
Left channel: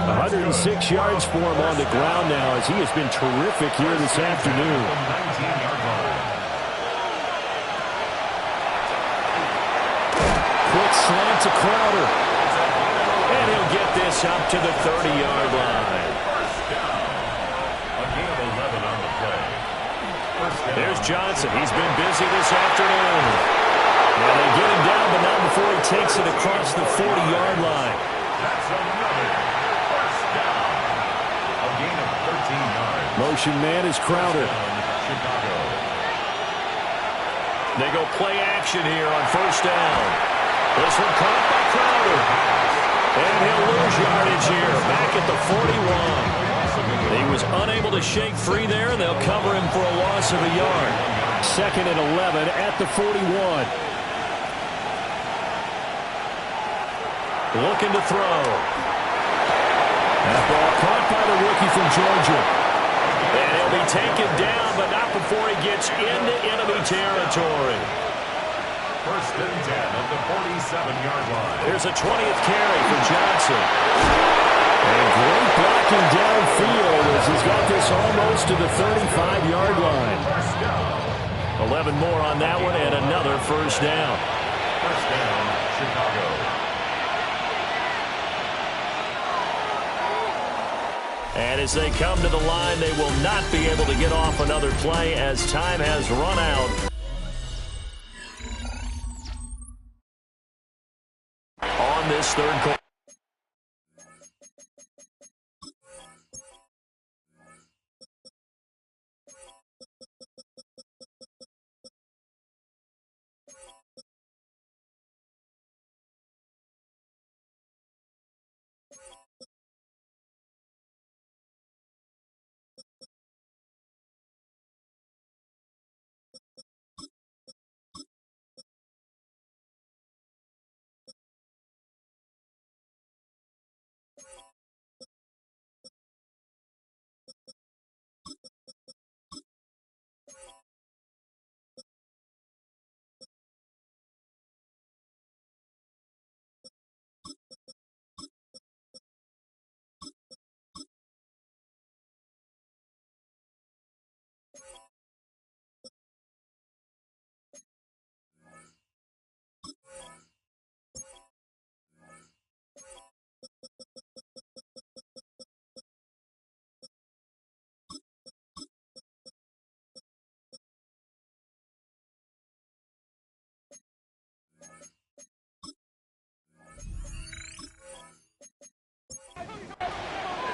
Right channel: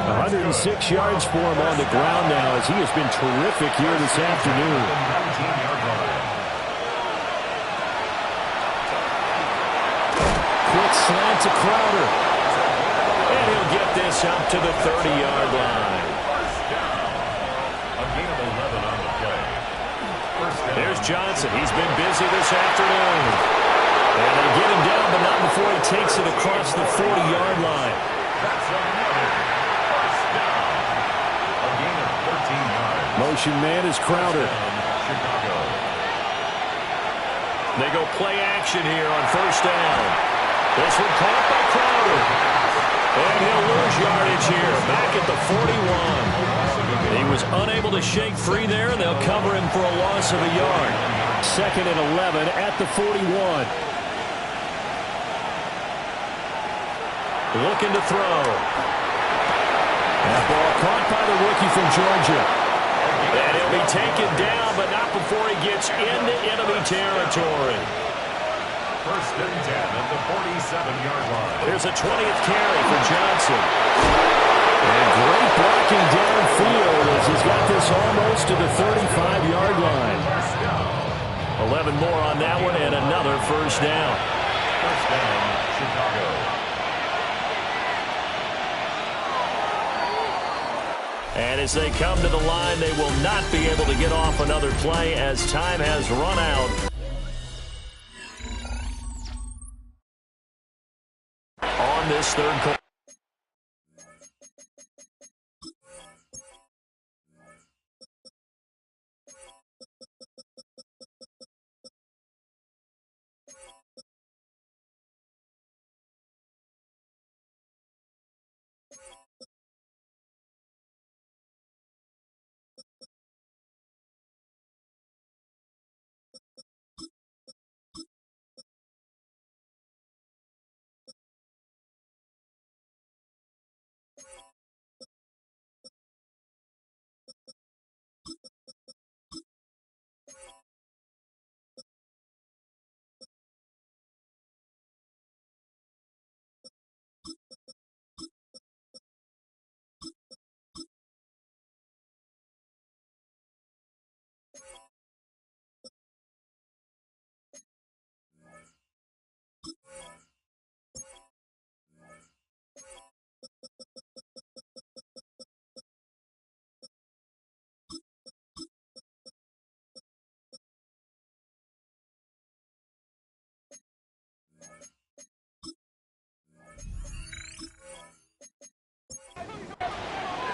.106 yards for him on the ground now as he has been terrific here this afternoon. The 19-yard line. Quick slant to Crowder. And he'll get this up to the 30-yard line. First down. A gain of 11 on the play. First down. There's Johnson. He's been busy this afternoon. And they get him down, but not before he takes it across the 40-yard line. That's another first down. A gain of 13 yards. Motion man is Crowder. Chicago. They go play action here on first down. This one caught by Crowder. And he'll lose yardage here, back at the 41. He was unable to shake free there, and they'll cover him for a loss of a yard. Second and 11 at the 41. Looking to throw. That ball caught by the rookie from Georgia. And he'll be taken down, but not before he gets into enemy territory. First and 10 at the 47-yard line. Here's a 20th carry for Johnson. And great blocking downfield as he's got this almost to the 35-yard line. First down. 11 more on that one and another first down. First down, Chicago. And as they come to the line, they will not be able to get off another play as time has run out. On this third quarter.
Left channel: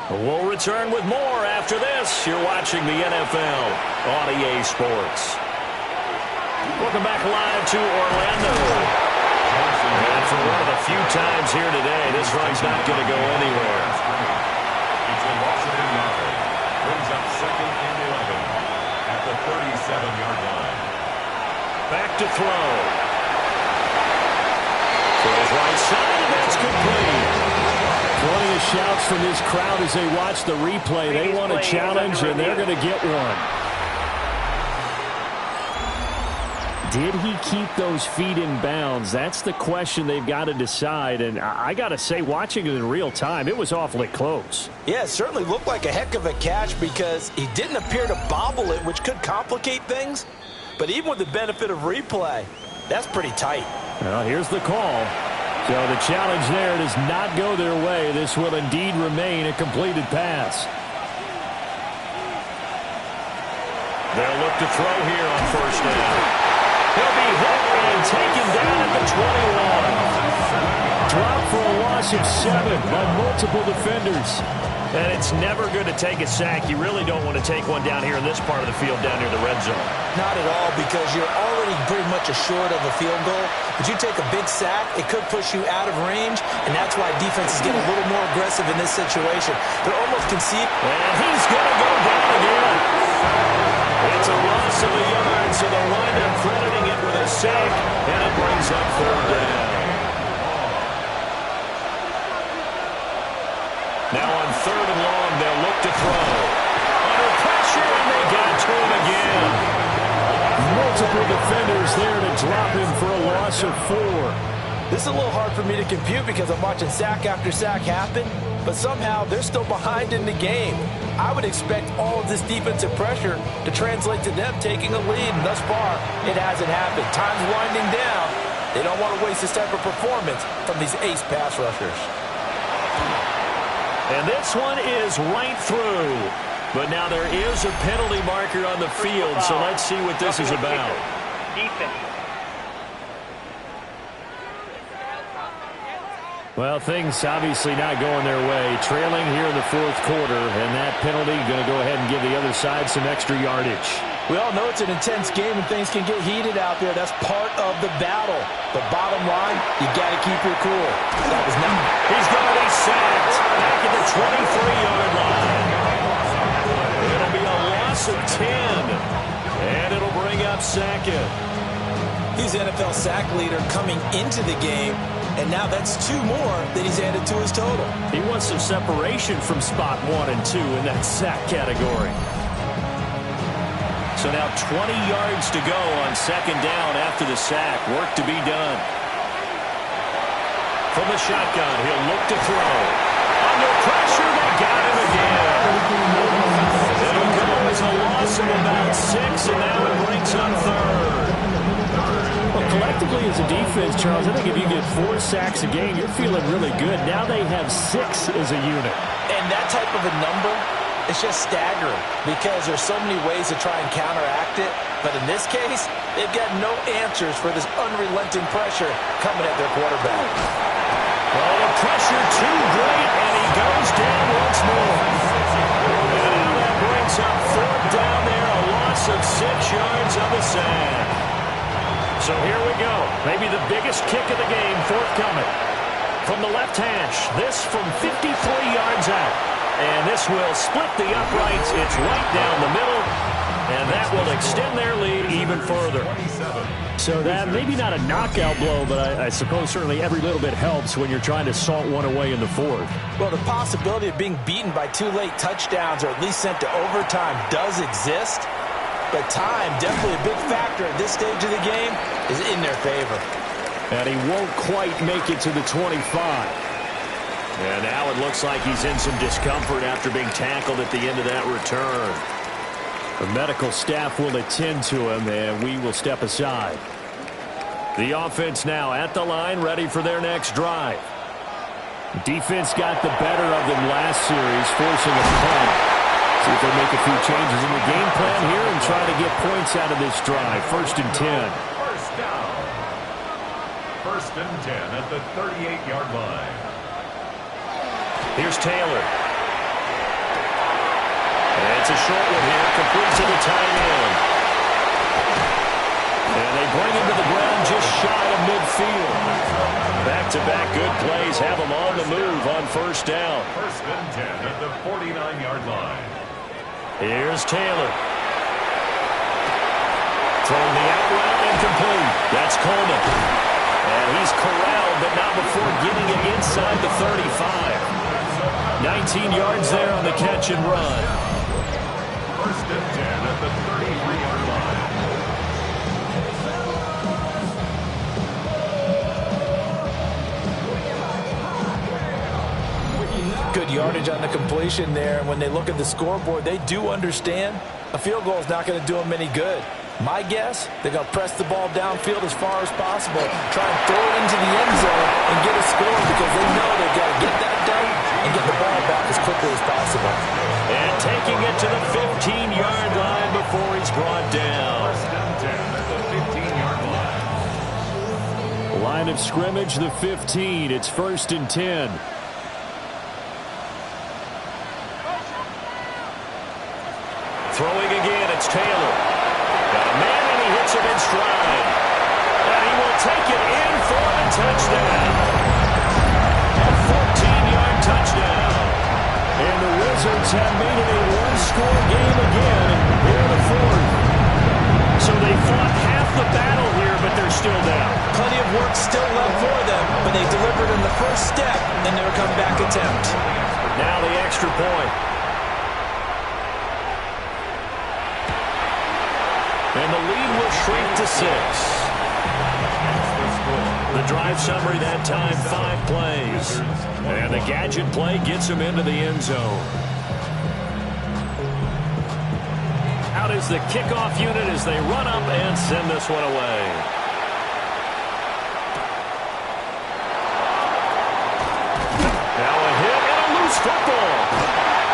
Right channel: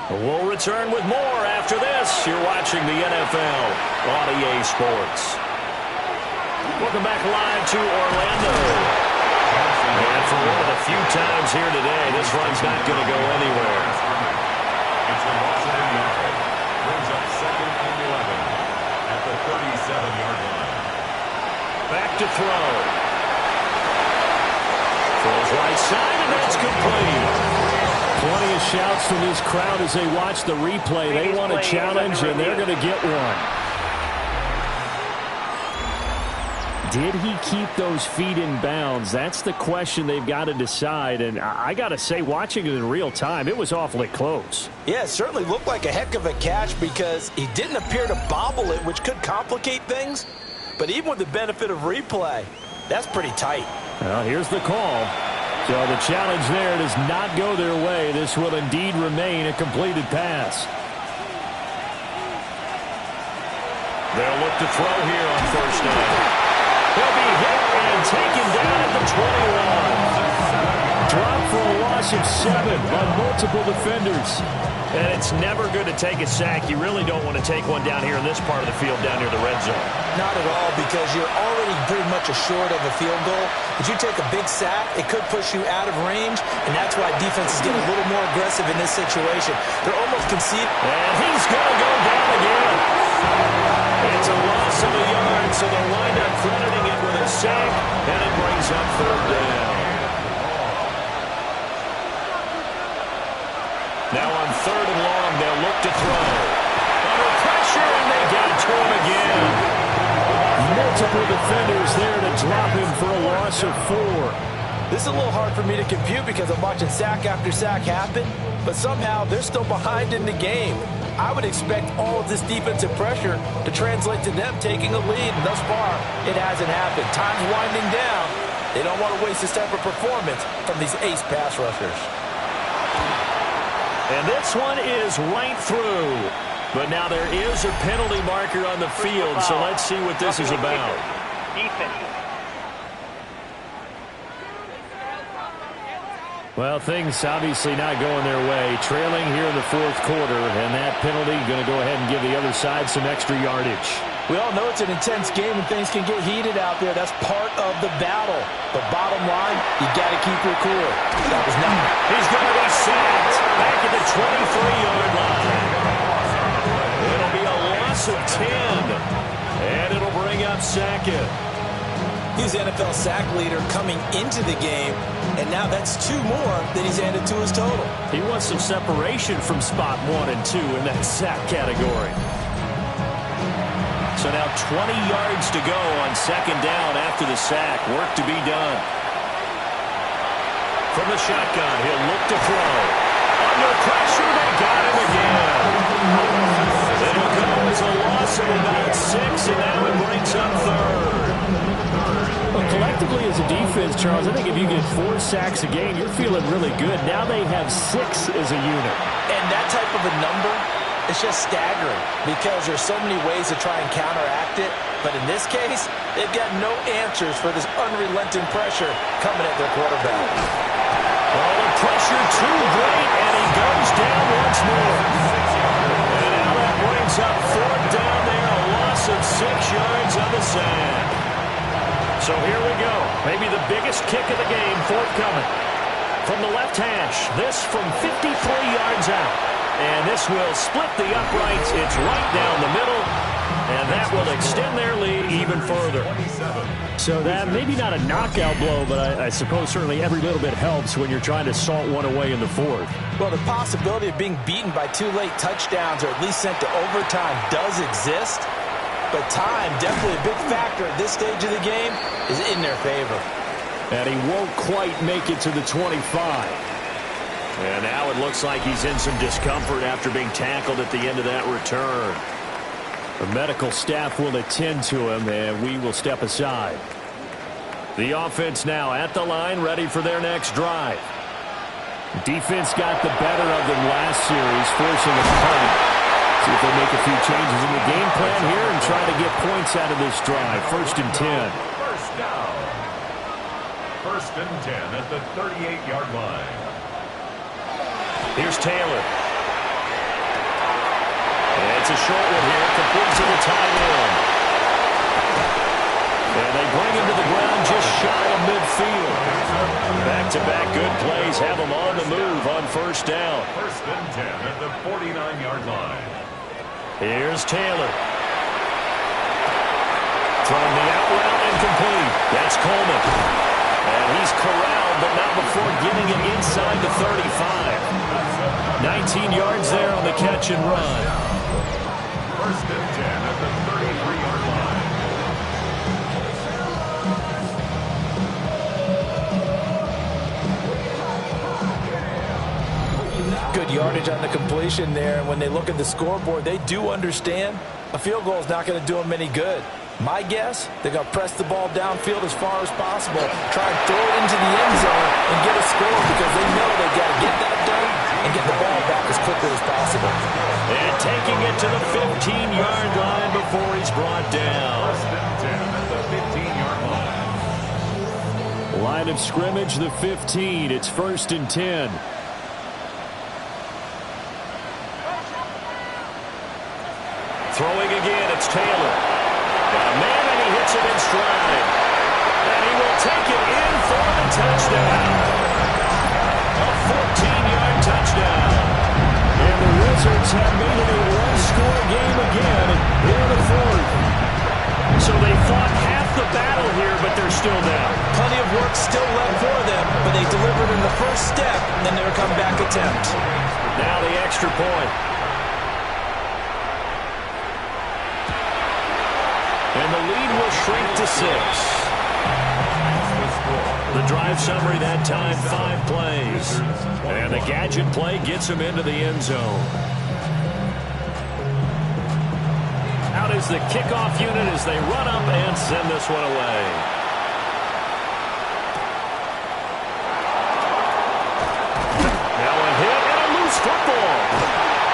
We'll return with more after this. You're watching the NFL on EA Sports. Welcome back live to Orlando. And for one of the few times here today, this run's not going to go anywhere. It's a loss of a yard. Brings up 2nd and 11 at the 37-yard line. Back to throw. Throws right side, and that's complete. Plenty of shouts from this crowd as they watch the replay. They want a challenge, and they're going to get one. Did he keep those feet in bounds? That's the question they've got to decide. And I got to say, watching it in real time, it was awfully close. Yeah, it certainly looked like a heck of a catch because he didn't appear to bobble it, which could complicate things. But even with the benefit of replay, that's pretty tight. Well, here's the call. So the challenge there does not go their way. This will indeed remain a completed pass. They'll look to throw here on first down. He'll be hit and taken down at the 21. Drop for a loss of 7 by multiple defenders. And it's never good to take a sack. You really don't want to take one down here in this part of the field down near the red zone. Not at all, because you're already pretty much assured of a field goal. But you take a big sack, it could push you out of range, and that's why defenses get a little more aggressive in this situation. They're almost conceding. And he's going to go down again. It's a loss of a yard, so they'll wind up crediting it with a sack, and it brings up 3rd down. Now on 3rd and long, they'll look to throw. Under pressure, and they got to him again. Multiple defenders there to drop him for a loss of 4. This is a little hard for me to compute because I'm watching sack after sack happen, but somehow they're still behind in the game. I would expect all of this defensive pressure to translate to them taking a lead, and thus far, it hasn't happened. Time's winding down. They don't want to waste this type of performance from these ace pass rushers. And this one is right through. But now there is a penalty marker on the field, so let's see what this is about. Well, things obviously not going their way. Trailing here in the 4th quarter, and that penalty going to go ahead and give the other side some extra yardage. We all know it's an intense game and things can get heated out there. That's part of the battle. But bottom line, you got to keep your cool. That was not. He's going to be sacked back at the 23-yard line. It'll be a loss of 10, and it'll bring up Sackett. He's the NFL sack leader coming into the game, and now that's 2 more that he's added to his total. He wants some separation from spot 1 and 2 in that sack category. So now 20 yards to go on 2nd down after the sack. Work to be done. From the shotgun, he'll look to throw. Under pressure, they got him again. It'll go as a loss of about 6, and now it brings up 3rd. Well, collectively as a defense, Charles, I think if you get 4 sacks a game, you're feeling really good. Now they have 6 as a unit. And that type of a number, it's just staggering because there's so many ways to try and counteract it. But in this case, they've got no answers for this unrelenting pressure coming at their quarterback. Oh, the pressure too great, and he goes down once more. And now that brings up 4th down there, a loss of 6 yards on the sack. So here we go. Maybe the biggest kick of the game forthcoming. From the left hash, this from 53 yards out. And this will split the uprights. It's right down the middle. And that will extend their lead even further. So that maybe not a knockout blow, but I suppose certainly every little bit helps when you're trying to salt one away in the 4th. Well, the possibility of being beaten by 2 late touchdowns or at least sent to overtime does exist. But time, definitely a big factor at this stage of the game, is in their favor. And he won't quite make it to the 25. And now it looks like he's in some discomfort after being tackled at the end of that return. The medical staff will attend to him, and we will step aside. The offense now at the line, ready for their next drive. Defense got the better of them last series, forcing a punt. See if they make a few changes in the game plan here and try to get points out of this drive. 1st and 10. First down. First and 10 at the 38-yard line. Here's Taylor. And it's a short one here, complete to the tight end. And they bring him to the ground just shy of midfield. Back-to-back good plays have them on the move on first down. First and 10 at the 49-yard line. Here's Taylor. Throwing the out route and complete. That's Coleman. And he's corralled, but not before getting it inside the 35. 19 yards there on the catch and run. First and 10 at the 33-yard line. Good yardage on the completion there. And when they look at the scoreboard, they do understand a field goal is not going to do them any good. My guess, they're going to press the ball downfield as far as possible, try and throw it into the end zone and get a score because they know they've got to get that done and get the ball back as quickly as possible. And taking it to the 15-yard line before he's brought down. First and 10 at the 15-yard line. Line of scrimmage, the 15. It's first and 10. Throwing again, it's Taylor. Got a man, and he hits him in stride. And he will take it in for the touchdown. A 14-yard touchdown. And the Wizards have made it a one-score game again here in the fourth. So they fought half the battle here, but they're still down. Plenty of work still left for them, but they delivered in the first step in their comeback attempt. Now the extra point. And the lead will shrink to 6. The drive summary that time, 5 plays. And the gadget play gets him into the end zone. Out is the kickoff unit as they run up and send this one away. Now a hit and a loose football.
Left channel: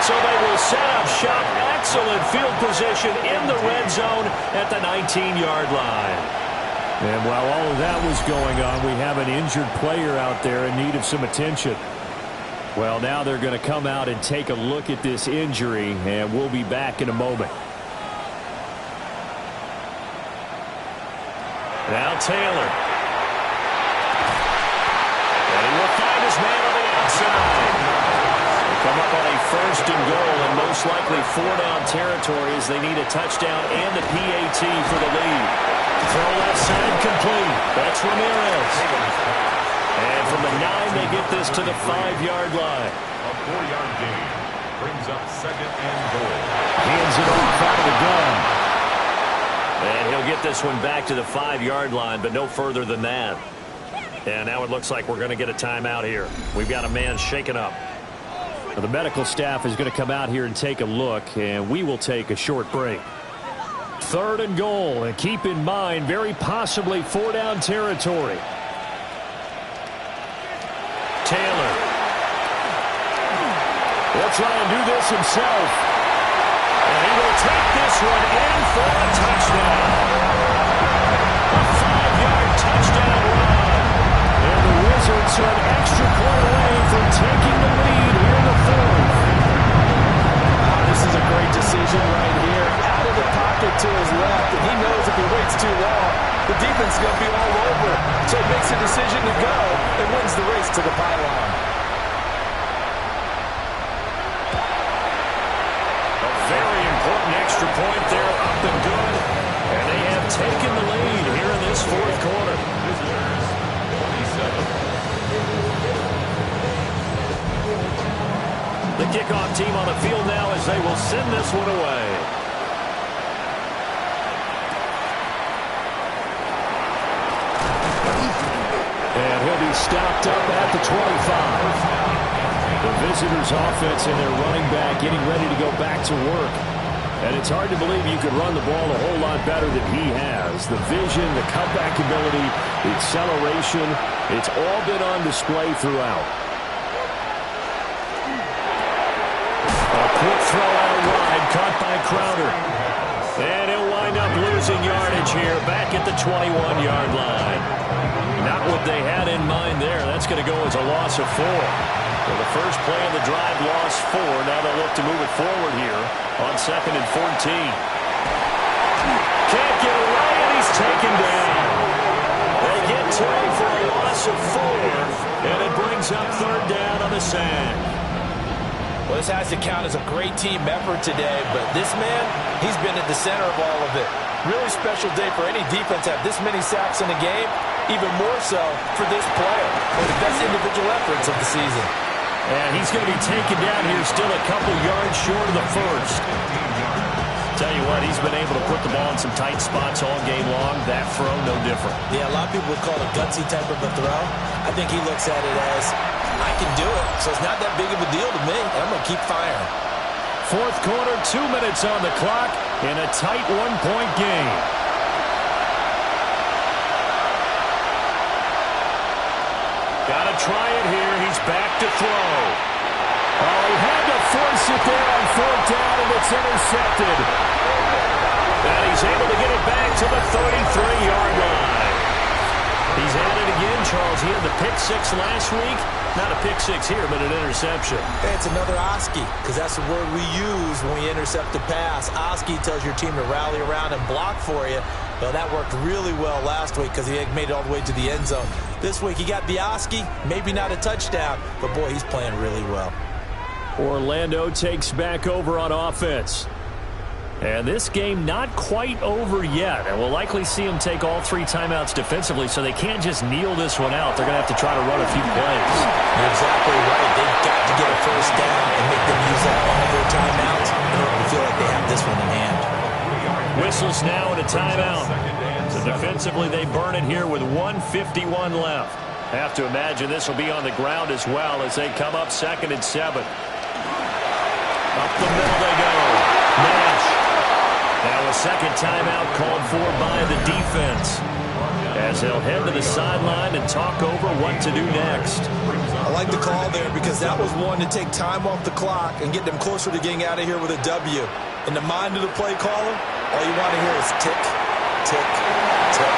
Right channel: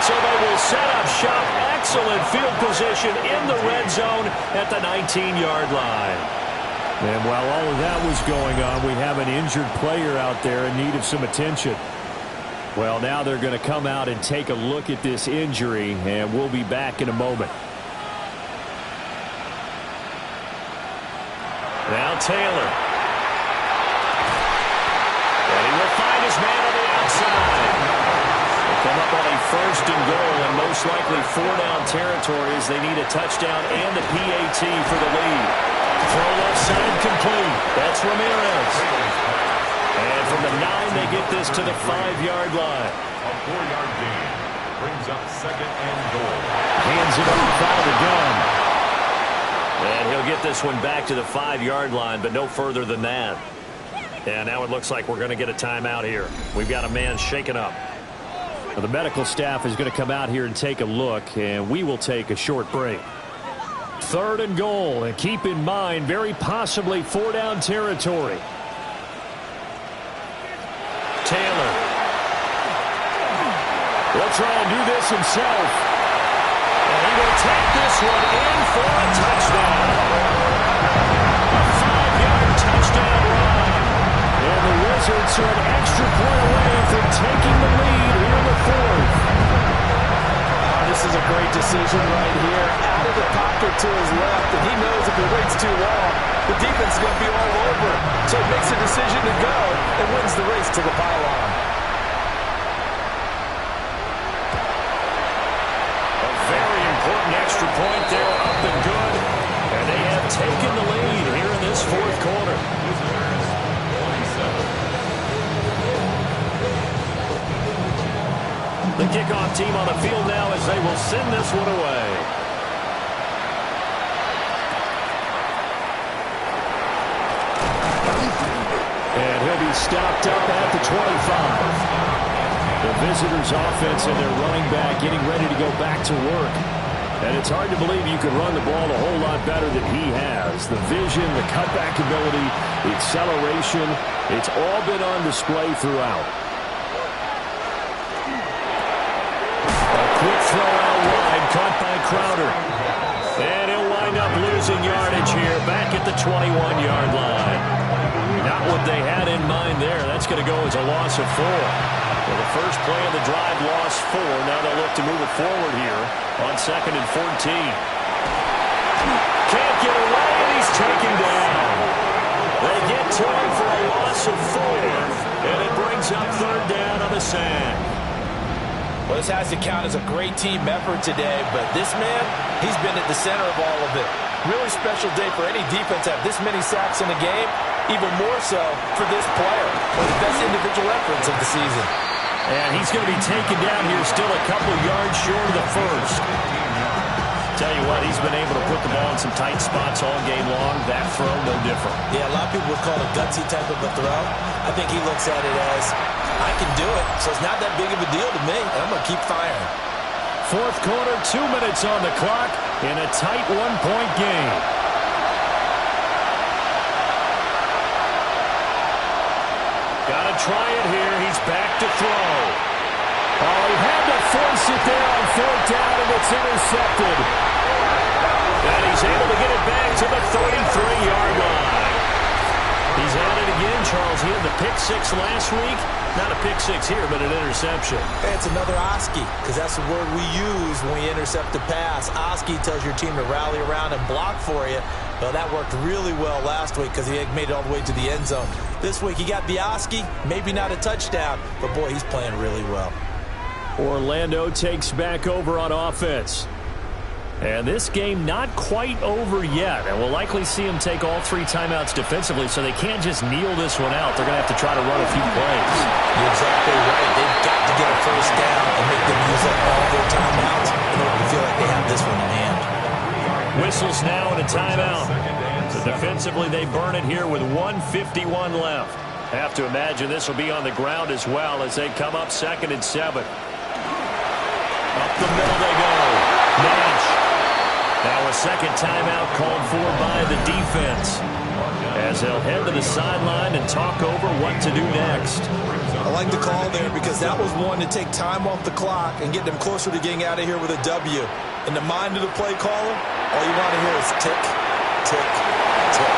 So they will set up shop. Excellent field position in the red zone at the 19-yard line. And while all of that was going on, we have an injured player out there in need of some attention. Well, now they're going to come out and take a look at this injury, and we'll be back in a moment. Now Taylor. And he will find his man on the outside. Come up on a first and goal and most likely 4-down territory as they need a touchdown and a PAT for the lead. Throw left side complete. That's Ramirez. And from the 9, they get this to the 5-yard line. A 4-yard gain brings up second and goal. Hands it off out of the gun. And he'll get this one back to the 5-yard line, but no further than that. And now it looks like we're going to get a timeout here. We've got a man shaken up. The medical staff is going to come out here and take a look, and we will take a short break. Third and goal, and keep in mind, very possibly 4-down territory. Taylor. He'll try and do this himself. And he will take this one in for a touchdown. A 5-yard touchdown run. And the Wizards are an extra point away from taking the lead here in the fourth. This is a great decision right here. Out of the pocket to his left, and he knows if he waits too long, the defense is going to be all over. So he makes a decision to go and wins the race to the pylon. A very important extra point there, up and good. And they have taken the lead here in this fourth quarter. Visitors, 27. The kickoff team on the field now as they will send this one away. And he'll be stopped up at the 25. The visitors' offense and their running back getting ready to go back to work. And it's hard to believe you could run the ball a whole lot better than he has. The vision, the cutback ability, the acceleration, it's all been on display throughout. A quick throw out wide, caught by Crowder. And he'll wind up losing yardage here back at the 21-yard line. Not what they had in mind there. That's going to go as a loss of 4. Well, the first play of the drive lost 4. Now they'll look to move it forward here on 2nd and 14. Can't get away, and he's taken down. They get to him for a loss of 4, and it brings up 3rd down on the sack. Well, this has to count as a great team effort today, but this man, he's been at the center of all of it. Really special day for any defense to have this many sacks in a game, even more so for this player. One of the best individual efforts of the season. And he's going to be taken down here still a couple yards short of the first. Tell you what, he's been able to put the ball in some tight spots all game long. That throw, no different. Yeah, a lot of people would call it a gutsy type of a throw. I think he looks at it as, I can do it, so it's not that big of a deal to me, and I'm going to keep firing. 4th quarter, 2 minutes on the clock in a tight 1-point game. Got to try it here. He's back to throw. Oh, he had to force it there on 4th down, and it's intercepted. And he's able to get it back to the 33-yard line. He's at it again, Charles. He had the pick 6 last week. Not a pick 6 here, but an interception. Hey, it's another Oski, because that's the word we use when we intercept a pass. Oski tells your team to rally around and block for you. Well, that worked really well last week because he made it all the way to the end zone. This week, he got the Oski, maybe not a touchdown, but, boy, he's playing really well. Orlando takes back over on offense. And this game not quite over yet. And we'll likely see them take all 3 timeouts defensively, so they can't just kneel this one out. They're going to have to try to run a few plays. You're exactly right. They've got to get a first down and make them use up all their timeouts in order to feel like they have this one in hand. Whistles now and a timeout. So defensively, they burn it here with 1:51 left. Have to imagine this will be on the ground as well as they come up 2nd and 7. Up the middle they go. Nash. Now a second timeout called for by the defense as they'll head to the sideline and talk over what to do next. I like the call there because that was one to take time off the clock and get them closer to getting out of here with a W. In the mind of the play caller, all you want to hear is tick, tick, tick.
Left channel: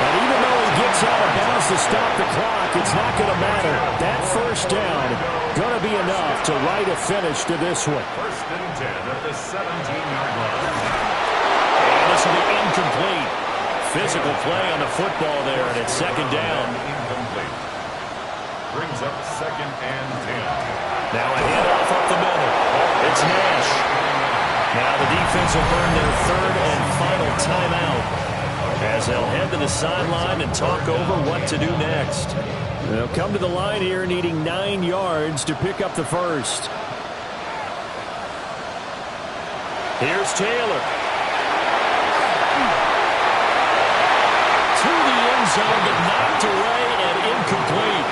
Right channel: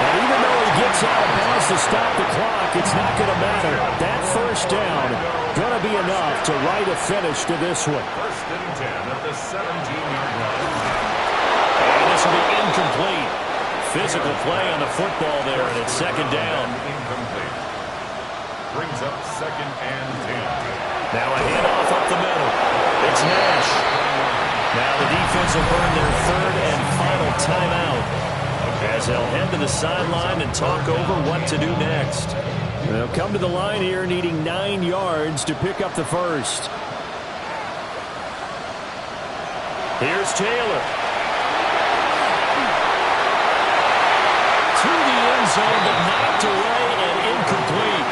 And even though he gets out of bounds to stop the clock, it's not going to matter. That first down going to be enough to write a finish to this one. 1st and 10 at the 17-yard line. And this will be incomplete. Physical play on the football there, and it's 2nd down. Incomplete. Brings up 2nd and 10. Now a handoff up the middle. It's Nash. Now the defense will burn their 3rd and final timeout as they'll head to the sideline and talk over what to do next. They'll come to the line here needing 9 yards to pick up the first. Here's Taylor. To the end zone, but knocked away and incomplete.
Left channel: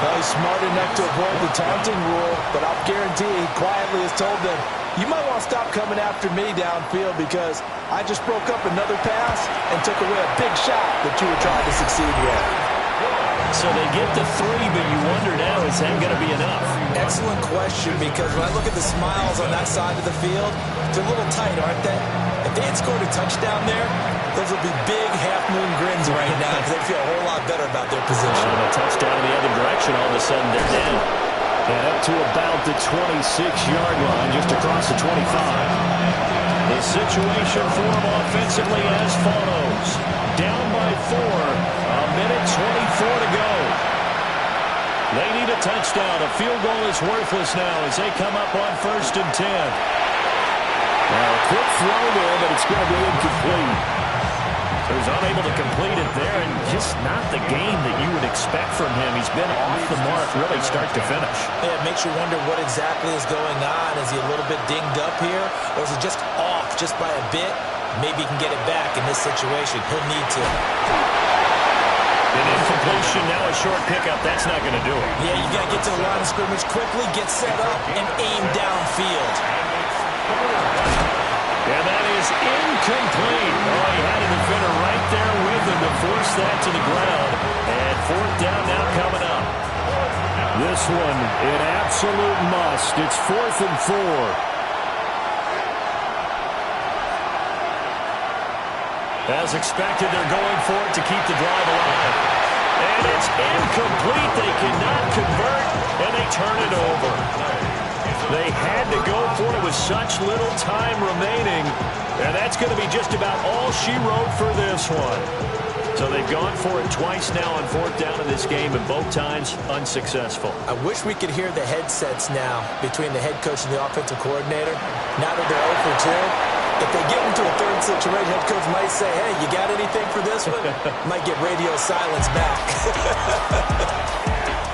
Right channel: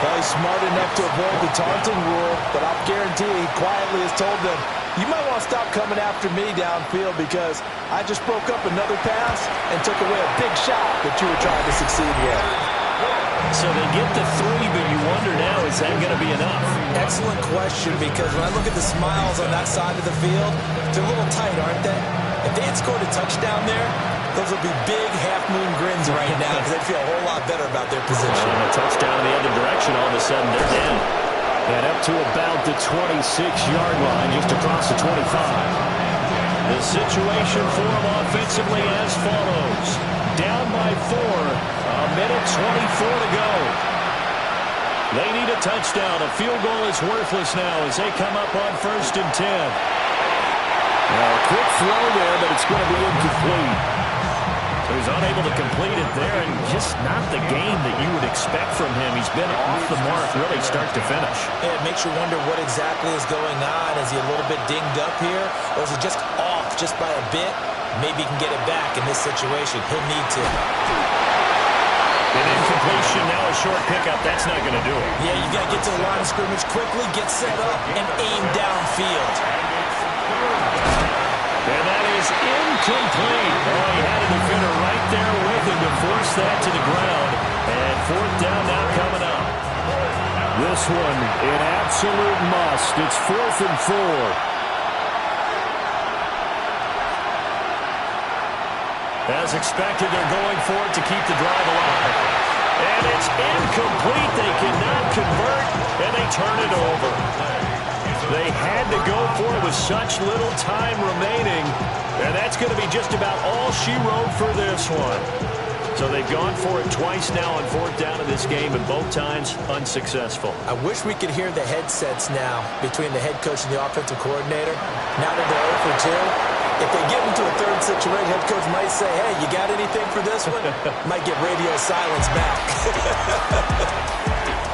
Well, he's smart enough to avoid the taunting rule, but I'll guarantee he quietly has told them, you might want to stop coming after me downfield because I just broke up another pass and took away a big shot that you were trying to succeed with. So they get the 3, but you wonder now, is that going to be enough? Excellent question, because when I look at the smiles on that side of the field, they're a little tight, aren't they? If they had scored a touchdown there, those would be big half-moon grins right now because they'd feel a whole lot better about their position. And a touchdown in the other direction, all of a sudden they're down. And up to about the 26-yard line, just across the 25. The situation for them offensively as follows. Down by 4, a minute 24 to go. They need a touchdown. A field goal is worthless now as they come up on 1st and 10. Now a quick throw there, but it's going to be incomplete. So he's unable to complete it there, and just not the game that you would expect from him. He's been off the mark really start to finish. Yeah, it makes you wonder what exactly is going on. Is he a little bit dinged up here, or is it just off just by a bit? Maybe he can get it back in this situation. He'll need to. An incompletion, now a short pickup. That's not going to do it. Yeah, you got to get to the line of scrimmage quickly, get set up, and aim downfield. And that is incomplete. Oh, he had a defender right there with him to force that to the ground. And 4th down now coming up. This one, an absolute must. It's 4th and 4. As expected, they're going for it to keep the drive alive. And it's incomplete. They cannot convert, and they turn it over. They had to go for it with such little time remaining, and that's going to be just about all she wrote for this one. So they've gone for it twice now on fourth down in this game, and both times unsuccessful. I wish we could hear the headsets now between the head coach and the offensive coordinator. Now that they're 0 for 2, if they get into a third situation, head coach might say, hey, you got anything for this one? Might get radio silence back.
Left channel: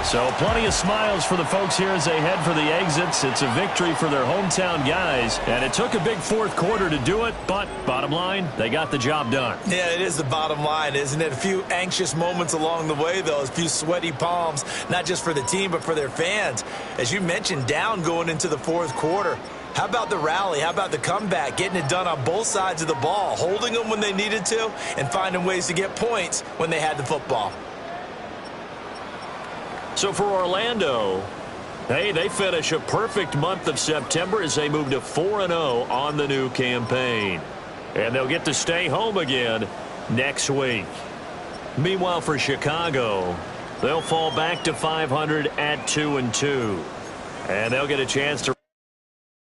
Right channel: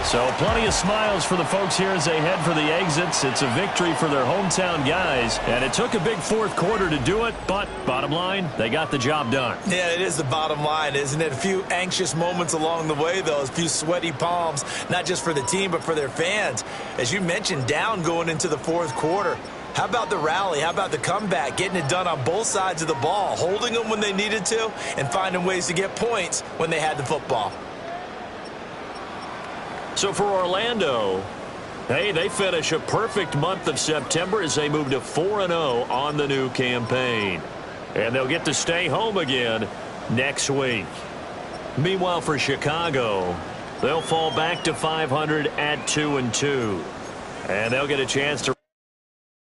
So plenty of smiles for the folks here as they head for the exits. It's a victory for their hometown guys, and it took a big fourth quarter to do it, but bottom line, they got the job done. Yeah, it is the bottom line, isn't it? A few anxious moments along the way, though, a few sweaty palms, not just for the team, but for their fans. As you mentioned, down going into the fourth quarter. How about the rally? How about the comeback? Getting it done on both sides of the ball, holding them when they needed to, and finding ways to get points when they had the football. So for Orlando, hey, they finish a perfect month of September as they move to 4-0 on the new campaign. And they'll get to stay home again next week. Meanwhile, for Chicago, they'll fall back to 500 at 2-2. And they'll get a chance to